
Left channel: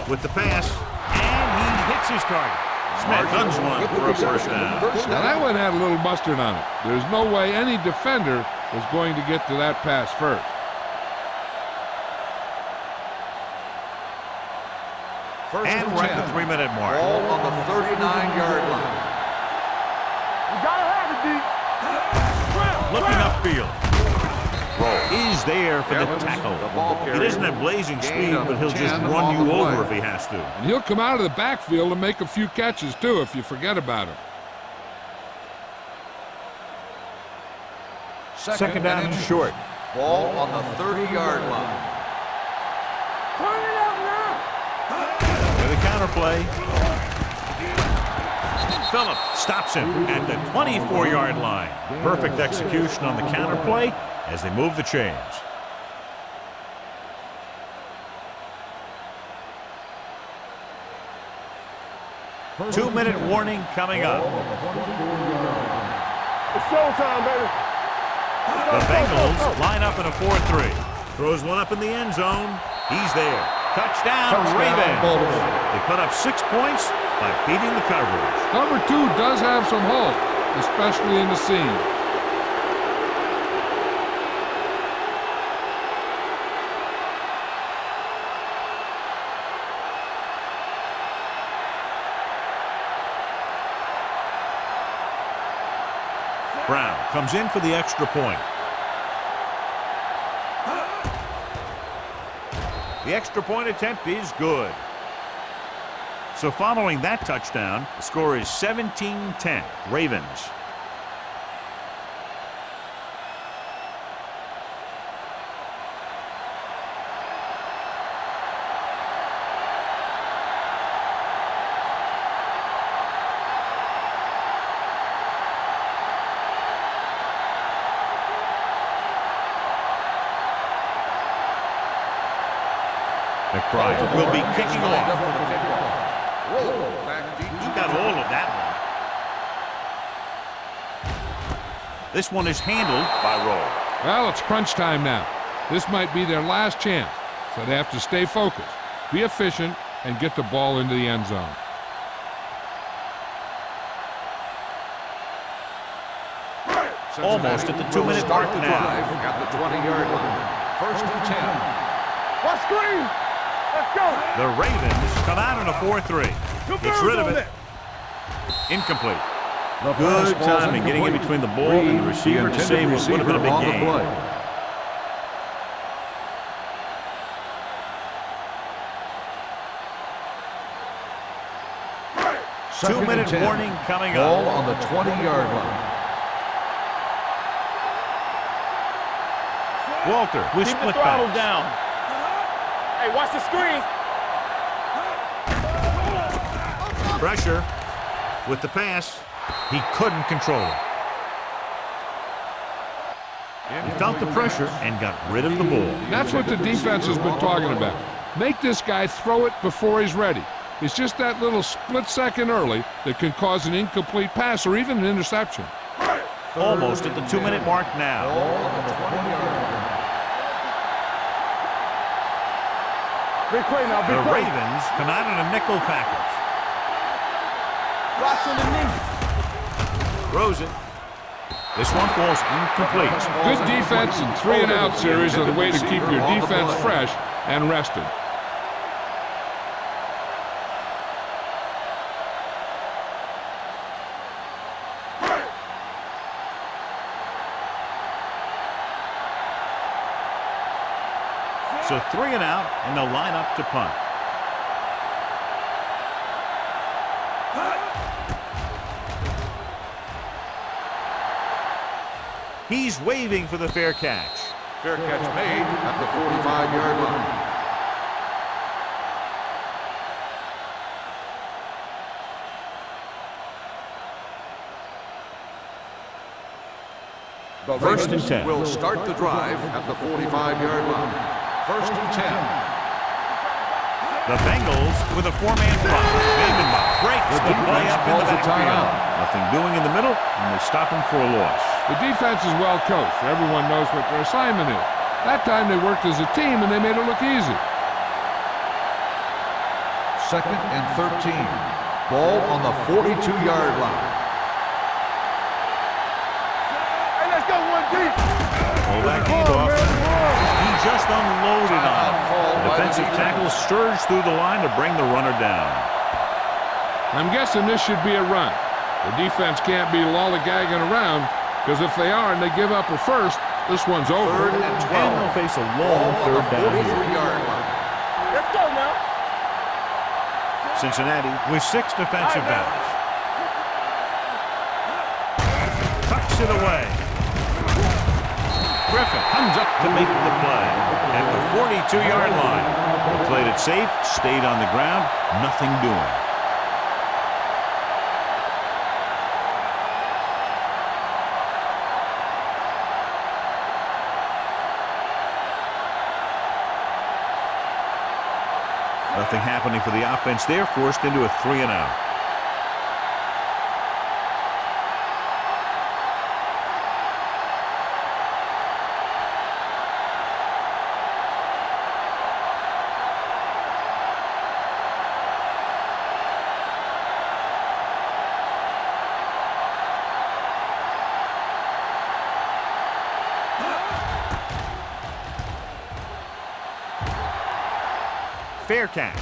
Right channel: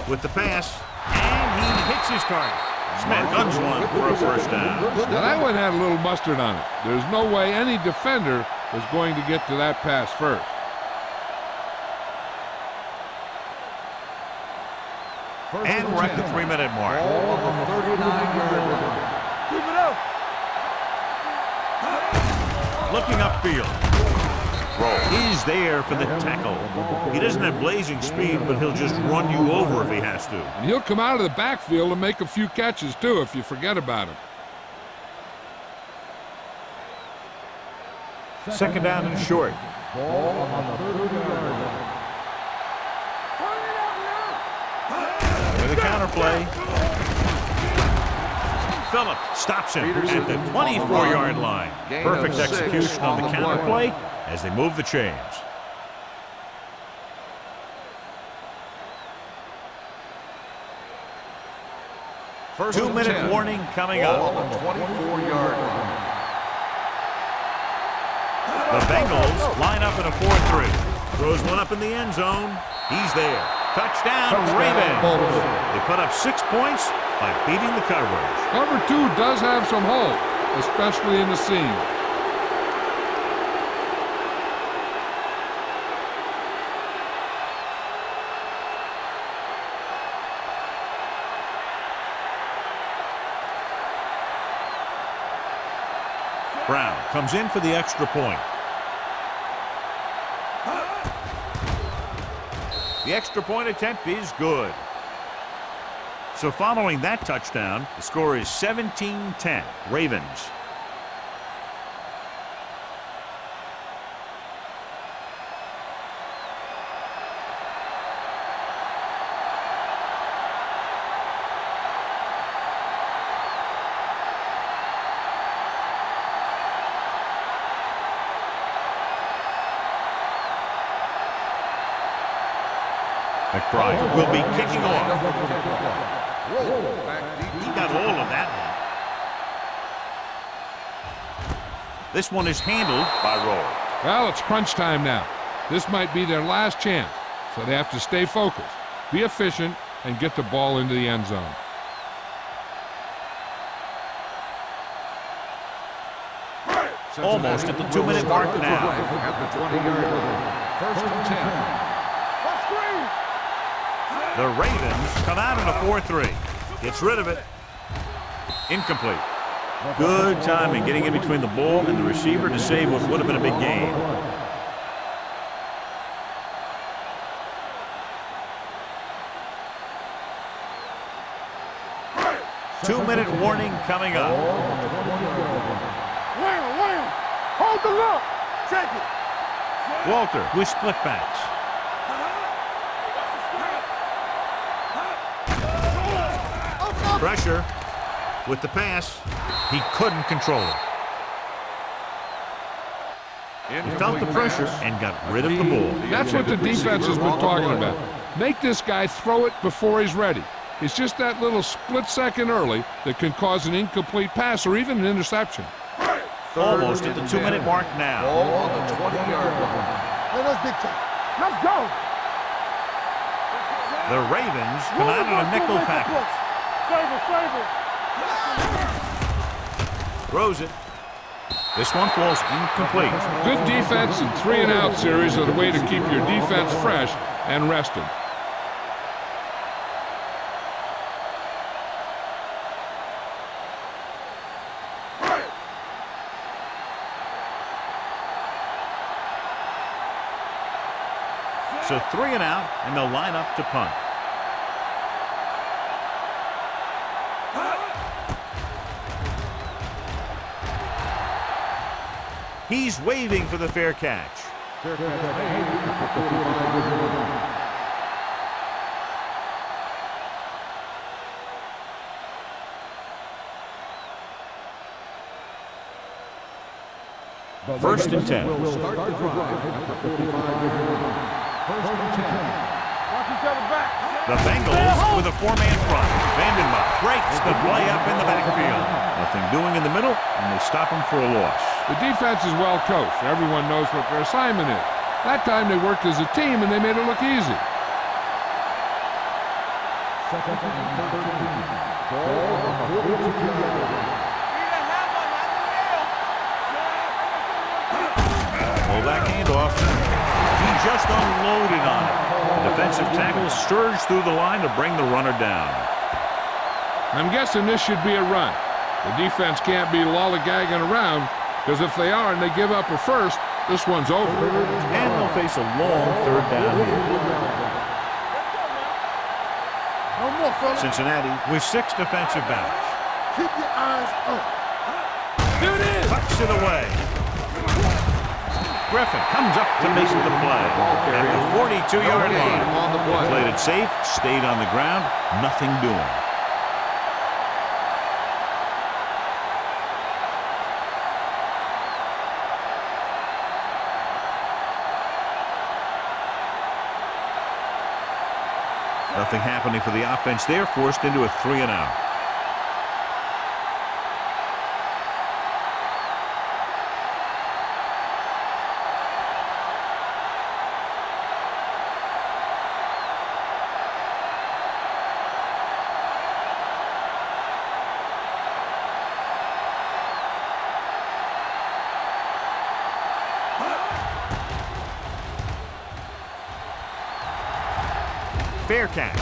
With the pass, and he hits his target. Smith guns one for a first down. Now that one had a little mustard on it. There's no way any defender was going to get to that pass first. And we're at the 3-minute mark. Ball on the 39-yard line. Keep it up. You gotta have it, D. Looking upfield. Roll. He's there for the tackle. He doesn't have blazing speed, but he'll just run you over if he has to. And he'll come out of the backfield and make a few catches, too, if you forget about him. Second down and short. Ball on the 30-yard line. Turn it out now. With a counterplay. Phillips stops him at the 24-yard line. Perfect execution on the counterplay as they move the chains. Two-minute warning coming up. It's showtime, baby. The Bengals line up in a 4-3. Throws one up in the end zone. He's there. Touchdown, Ravens. They put up 6 points by beating the coverage. Cover 2 does have some holes, especially in the seam. Brown comes in for the extra point. The extra point attempt is good. So following that touchdown, the score is 17-10, Ravens. McBride will be kicking off. Roll back deep. He got all of that one. This one is handled by Roll. Well, it's crunch time now. This might be their last chance, so they have to stay focused, be efficient, and get the ball into the end zone. Almost at the 2-minute mark now. At the 20-yard line. First and 10. What screen? Let's go. The Ravens come out in a 4-3. Gets rid of it. Incomplete. Good timing getting in between the ball and the receiver to save what would have been a big gain. Two-minute warning coming Ball up. on the 20-yard line. Wham. Hold the look. Check it. Walter with split backs. Hey, watch the screen. Pressure with the pass. He couldn't control it. He felt the pressure and got rid of the ball. That's what the defense has been talking about. Make this guy throw it before he's ready. It's just that little split second early that can cause an incomplete pass or even an interception. Almost at the 2-minute mark now. Ball on the 20-yard line. Let's go. Big play now. The Ravens come out in a nickel package. Throws it. This one falls incomplete. Good defense and 3-and-out series are the way to keep your defense fresh and rested. So 3-and-out, and they'll line up to punt. He's waving for the fair catch. Fair catch made at the 45-yard line. The First and Ravens 10. will start the drive at the 45-yard line. First and 10. Watch each other back. The Bengals with a 4-man front. Vandenbach breaks the play up in the backfield. Nothing doing in the middle, and they stop him for a loss. The defense is well coached. Everyone knows what their assignment is. That time they worked as a team and they made it look easy. Second and 13. Ball on the 42-yard line. Pull back handoff. He just unloaded on it. The defensive tackle surged through the line to bring the runner down. I'm guessing this should be a run. The defense can't be lollygagging around, because if they are and they give up a first, this one's over. And they'll face a long third down here. Let's go now. No more, fellas. Cincinnati with 6 defensive backs. Keep your eyes up. Tucks it away. Griffin comes up to make the play at the 42-yard line. They played it safe, stayed on the ground, nothing doing. Nothing happening for the offense there, forced into a 3-and-out. Fair catch.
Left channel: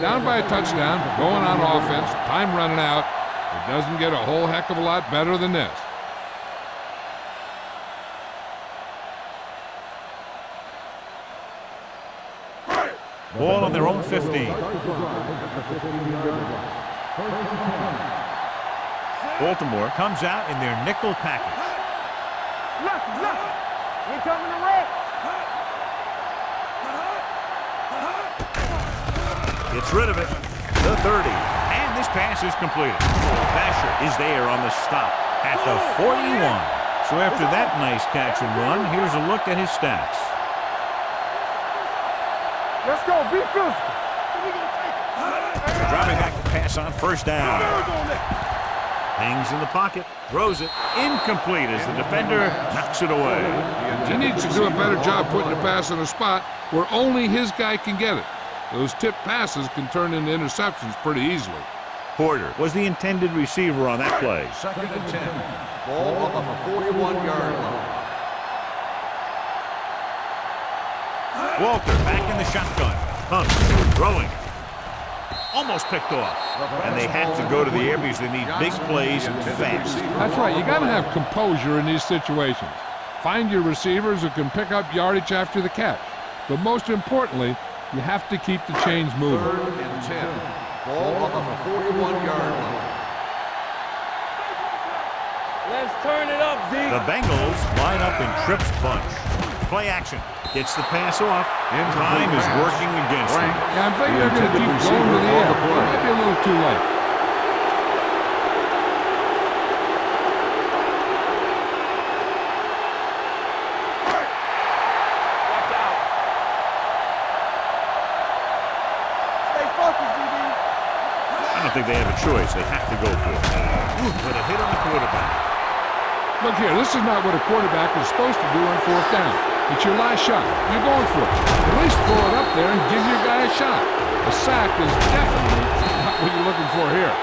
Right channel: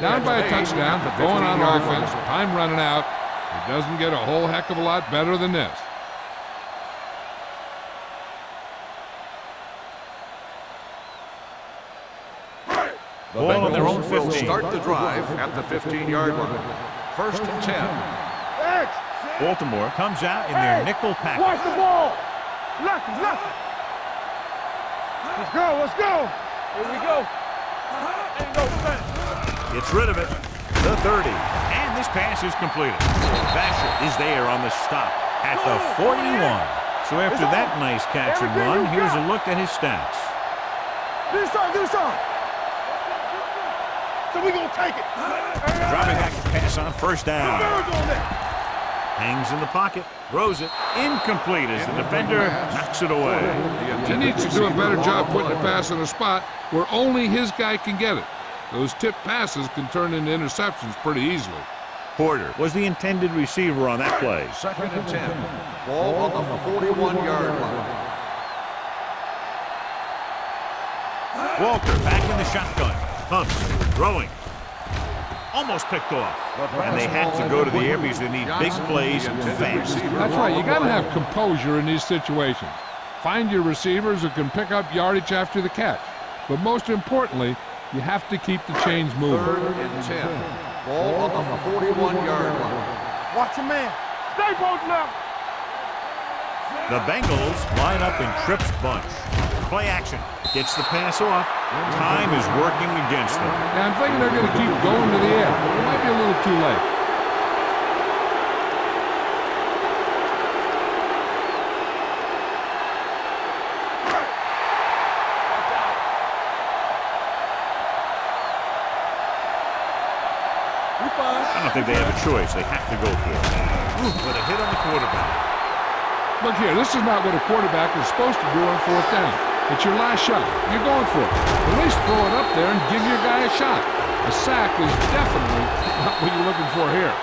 Down by a touchdown, going on offense, time running out. It doesn't get a whole heck of a lot better than this. Ball on their own 15. Start the drive at the 15-yard line. 1st and 10. Baltimore comes out in their nickel Watch package. the ball. Left, left. We coming to red. Let's go, let's go. Here we go. Gets rid of it. The 30. And this pass is completed. Basher is there on the stop at the 41. So after that nice catch and run, here's a look at his stats. Do something. Let's go, be physical. So we gonna take it. Dropping back to pass on 1st down. Hangs in the pocket, throws it, incomplete as the defender knocks it away. He needs to do a better job putting the pass in a spot where only his guy can get it. Those tipped passes can turn into interceptions pretty easily. Porter was the intended receiver on that play. 2nd and 10. Ball on the 41-yard line. Walter back in the shotgun. Hunts, throwing. Almost picked off. And they have to go to the air because they need big plays fast. That's right. You got to have composure in these situations. Find your receivers who can pick up yardage after the catch. But most importantly, you have to keep the chains moving. 3rd and 10. Ball on the 41-yard line. Watch your man. Stay both now. Let's turn it up, Z. The Bengals line up in Tripp's bunch. Play action. Gets the pass off. Time is working against them. Yeah, I'm thinking they're going to keep going to the air. It might be a little too late. Watch out. Stay focused, DD. You fine. I don't think they have a choice. They have to go for it. Ooh, but a hit on the quarterback. Look here, this is not what a quarterback is supposed to do on 4th down. It's your last shot. You're going for it. At least throw it up there and give your guy a shot. A sack is definitely not what you're looking for here.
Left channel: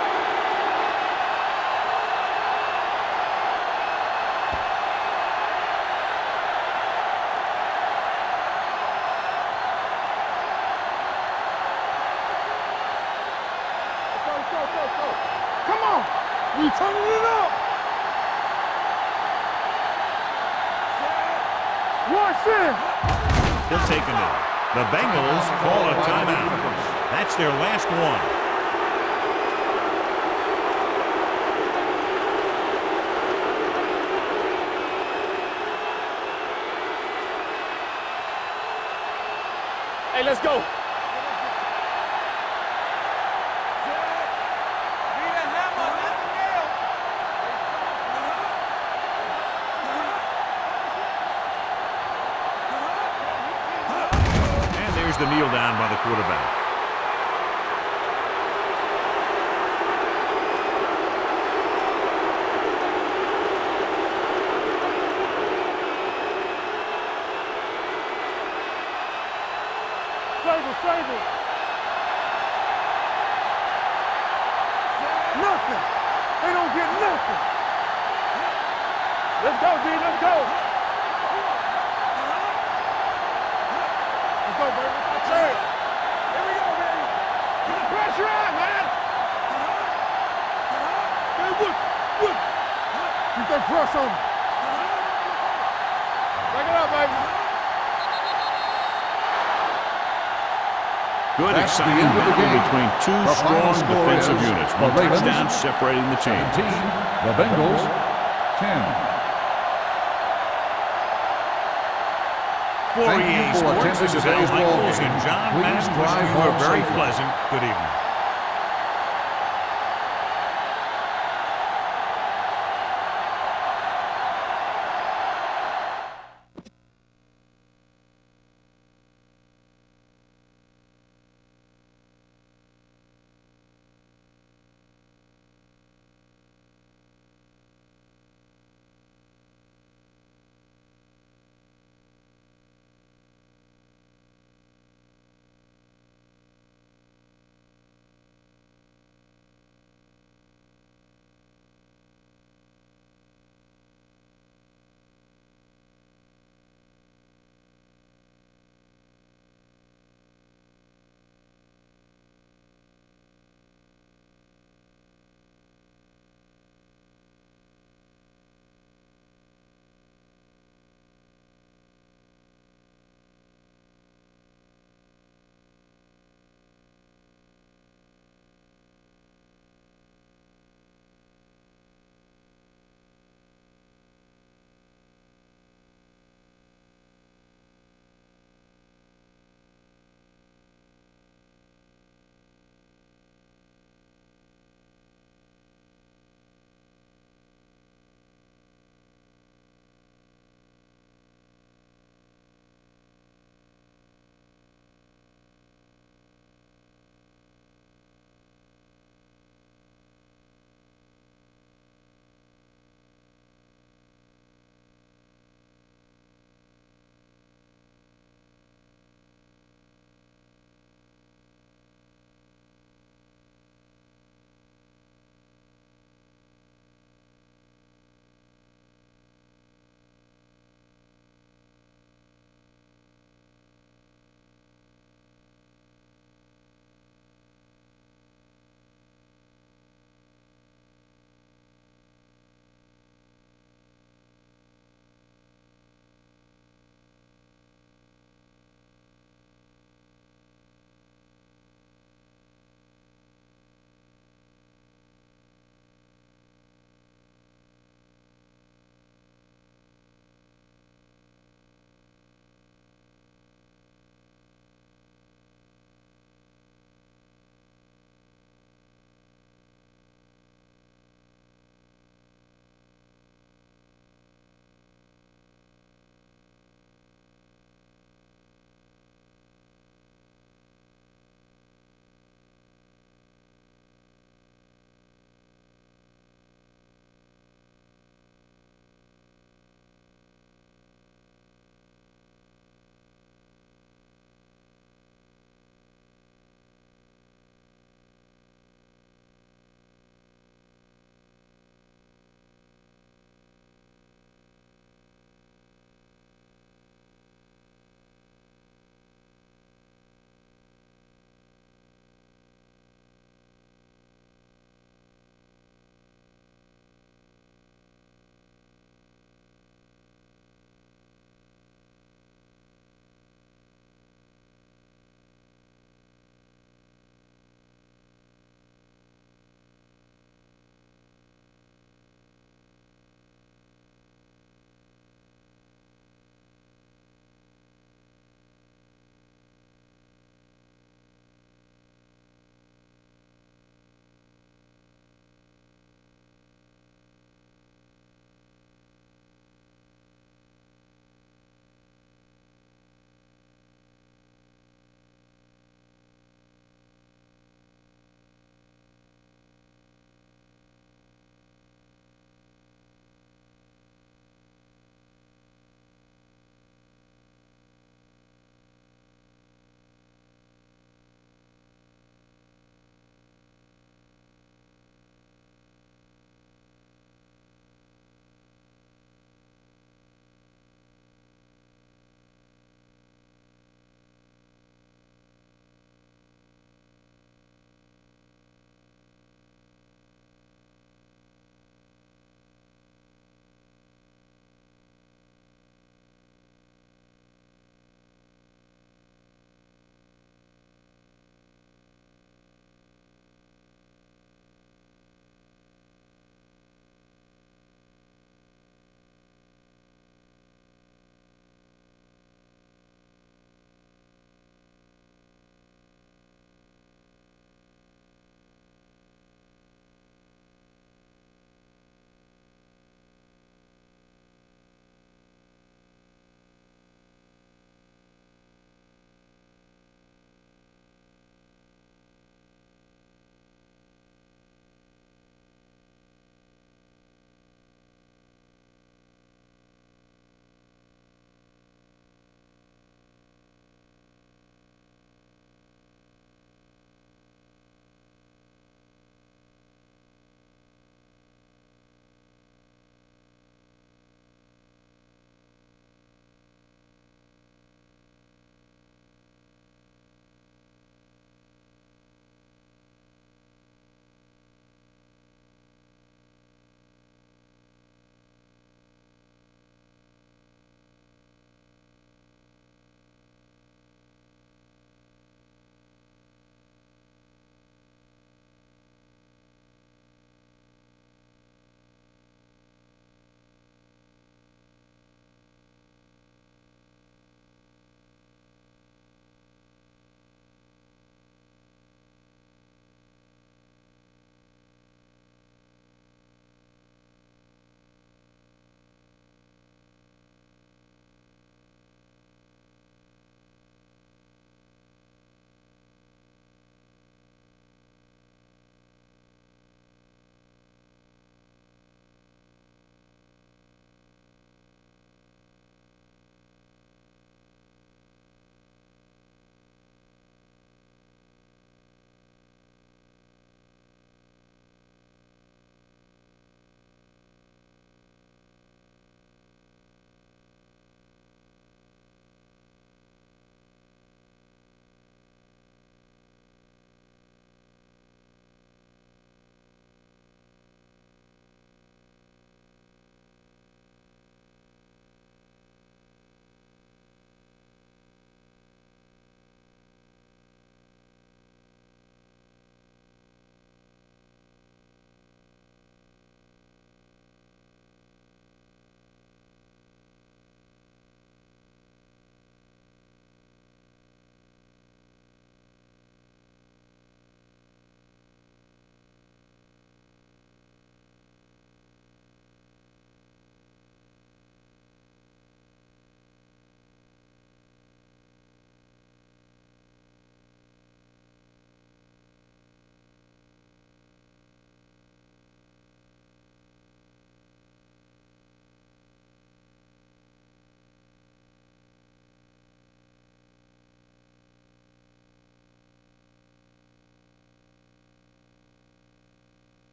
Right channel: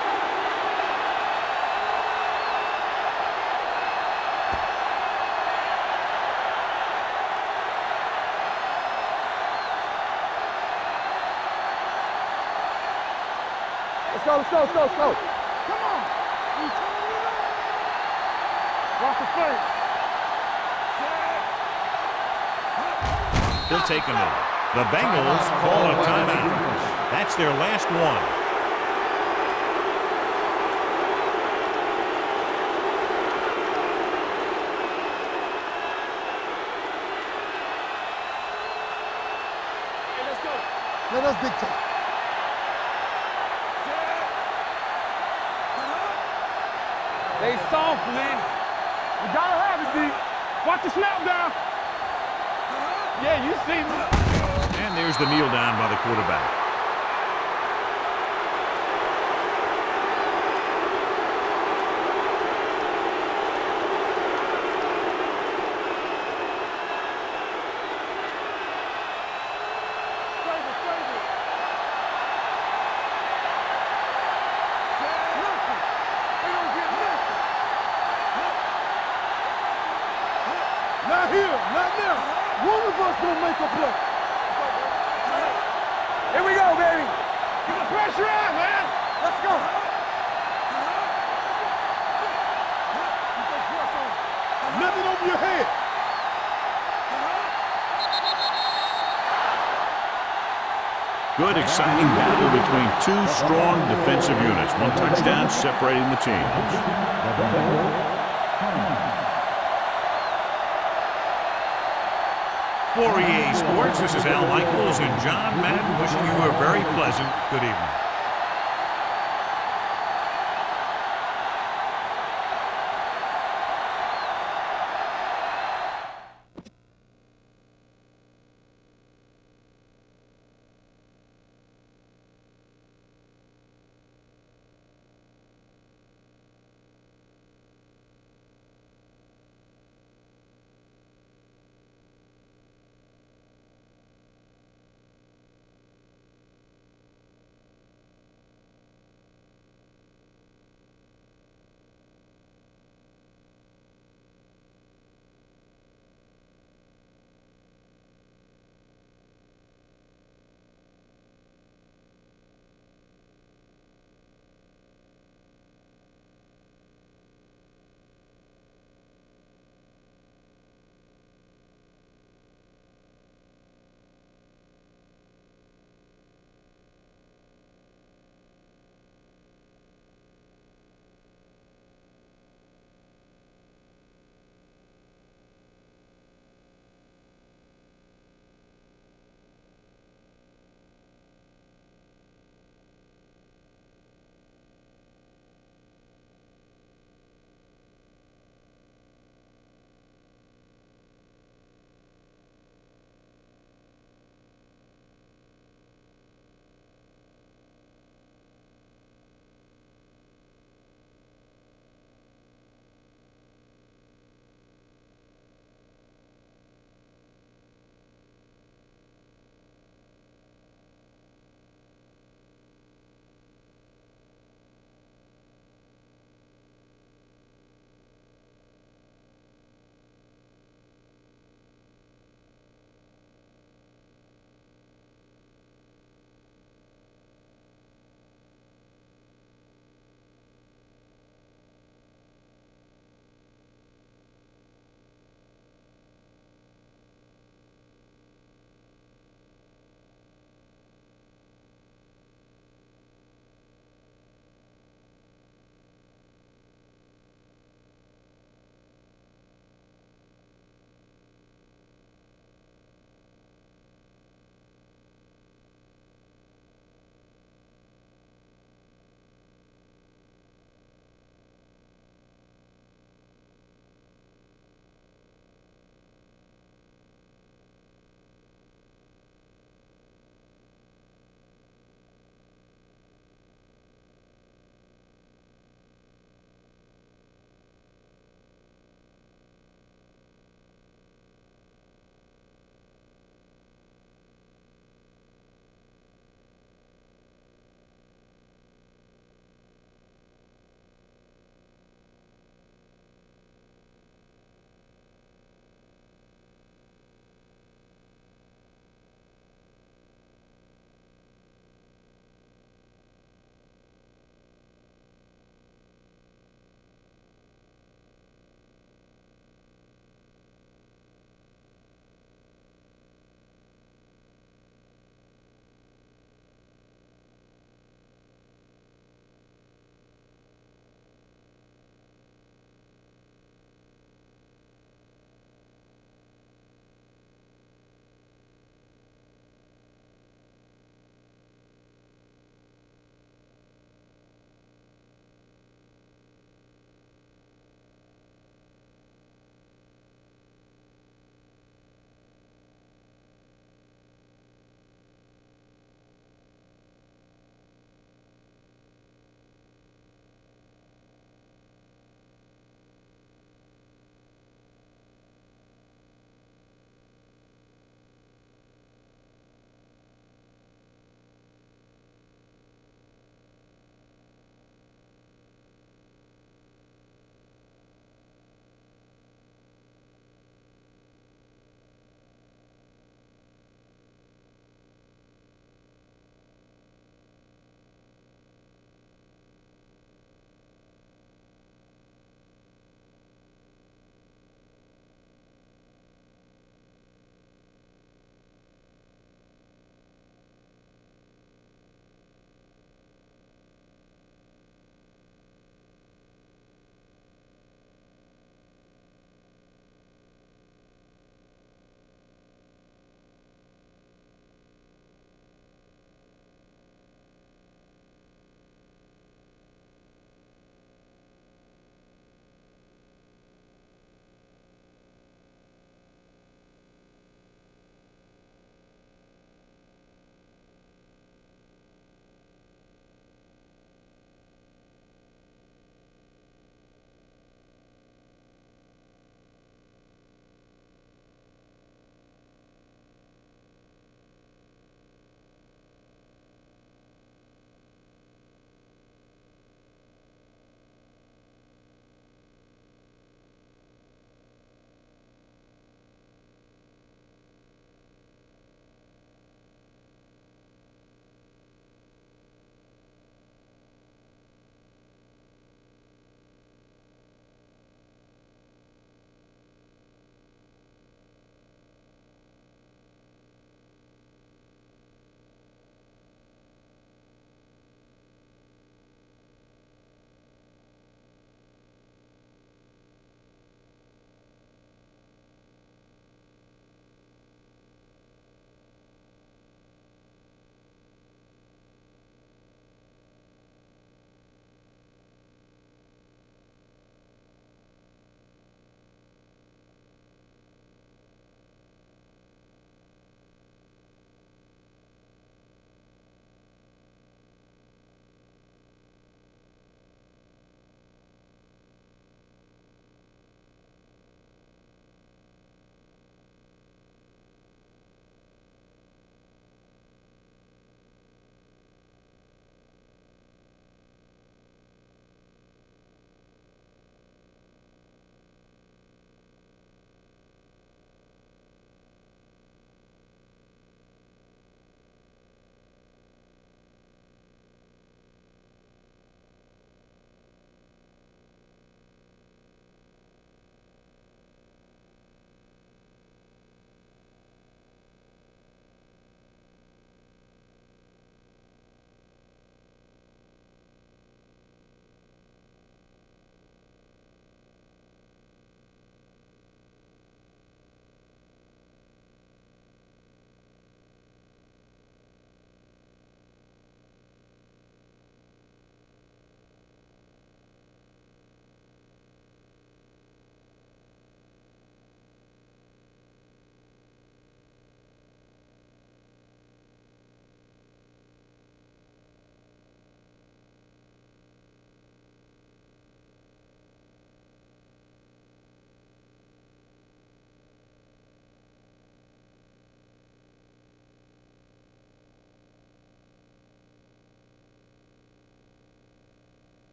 Let's go. Come on. We turning it up. Watch the play. Set. Watch it. He'll take a minute. The Bengals call a timeout. That's their last one. Hey, let's go. Let us dictate. Set. They soft, man. You gotta have it, Steve. Watch the snap down. Yeah, you see me. And there's the kneel down by the quarterback. Sable. They don't get nothing. Let's go, D. Let's go. Not here. Not now. One of us gonna make a play. Let's go, baby. I tell you. Here we go, baby. Get the pressure on, man. Let's go. Hey, look. Keep that press on me. Lift it over your head. Back it up, baby. Good, exciting battle between two strong defensive units. One touchdown separating the teams. The Bengals, 10. For EA Sports, this is Al Michaels and John Madden wishing you a very pleasant good evening.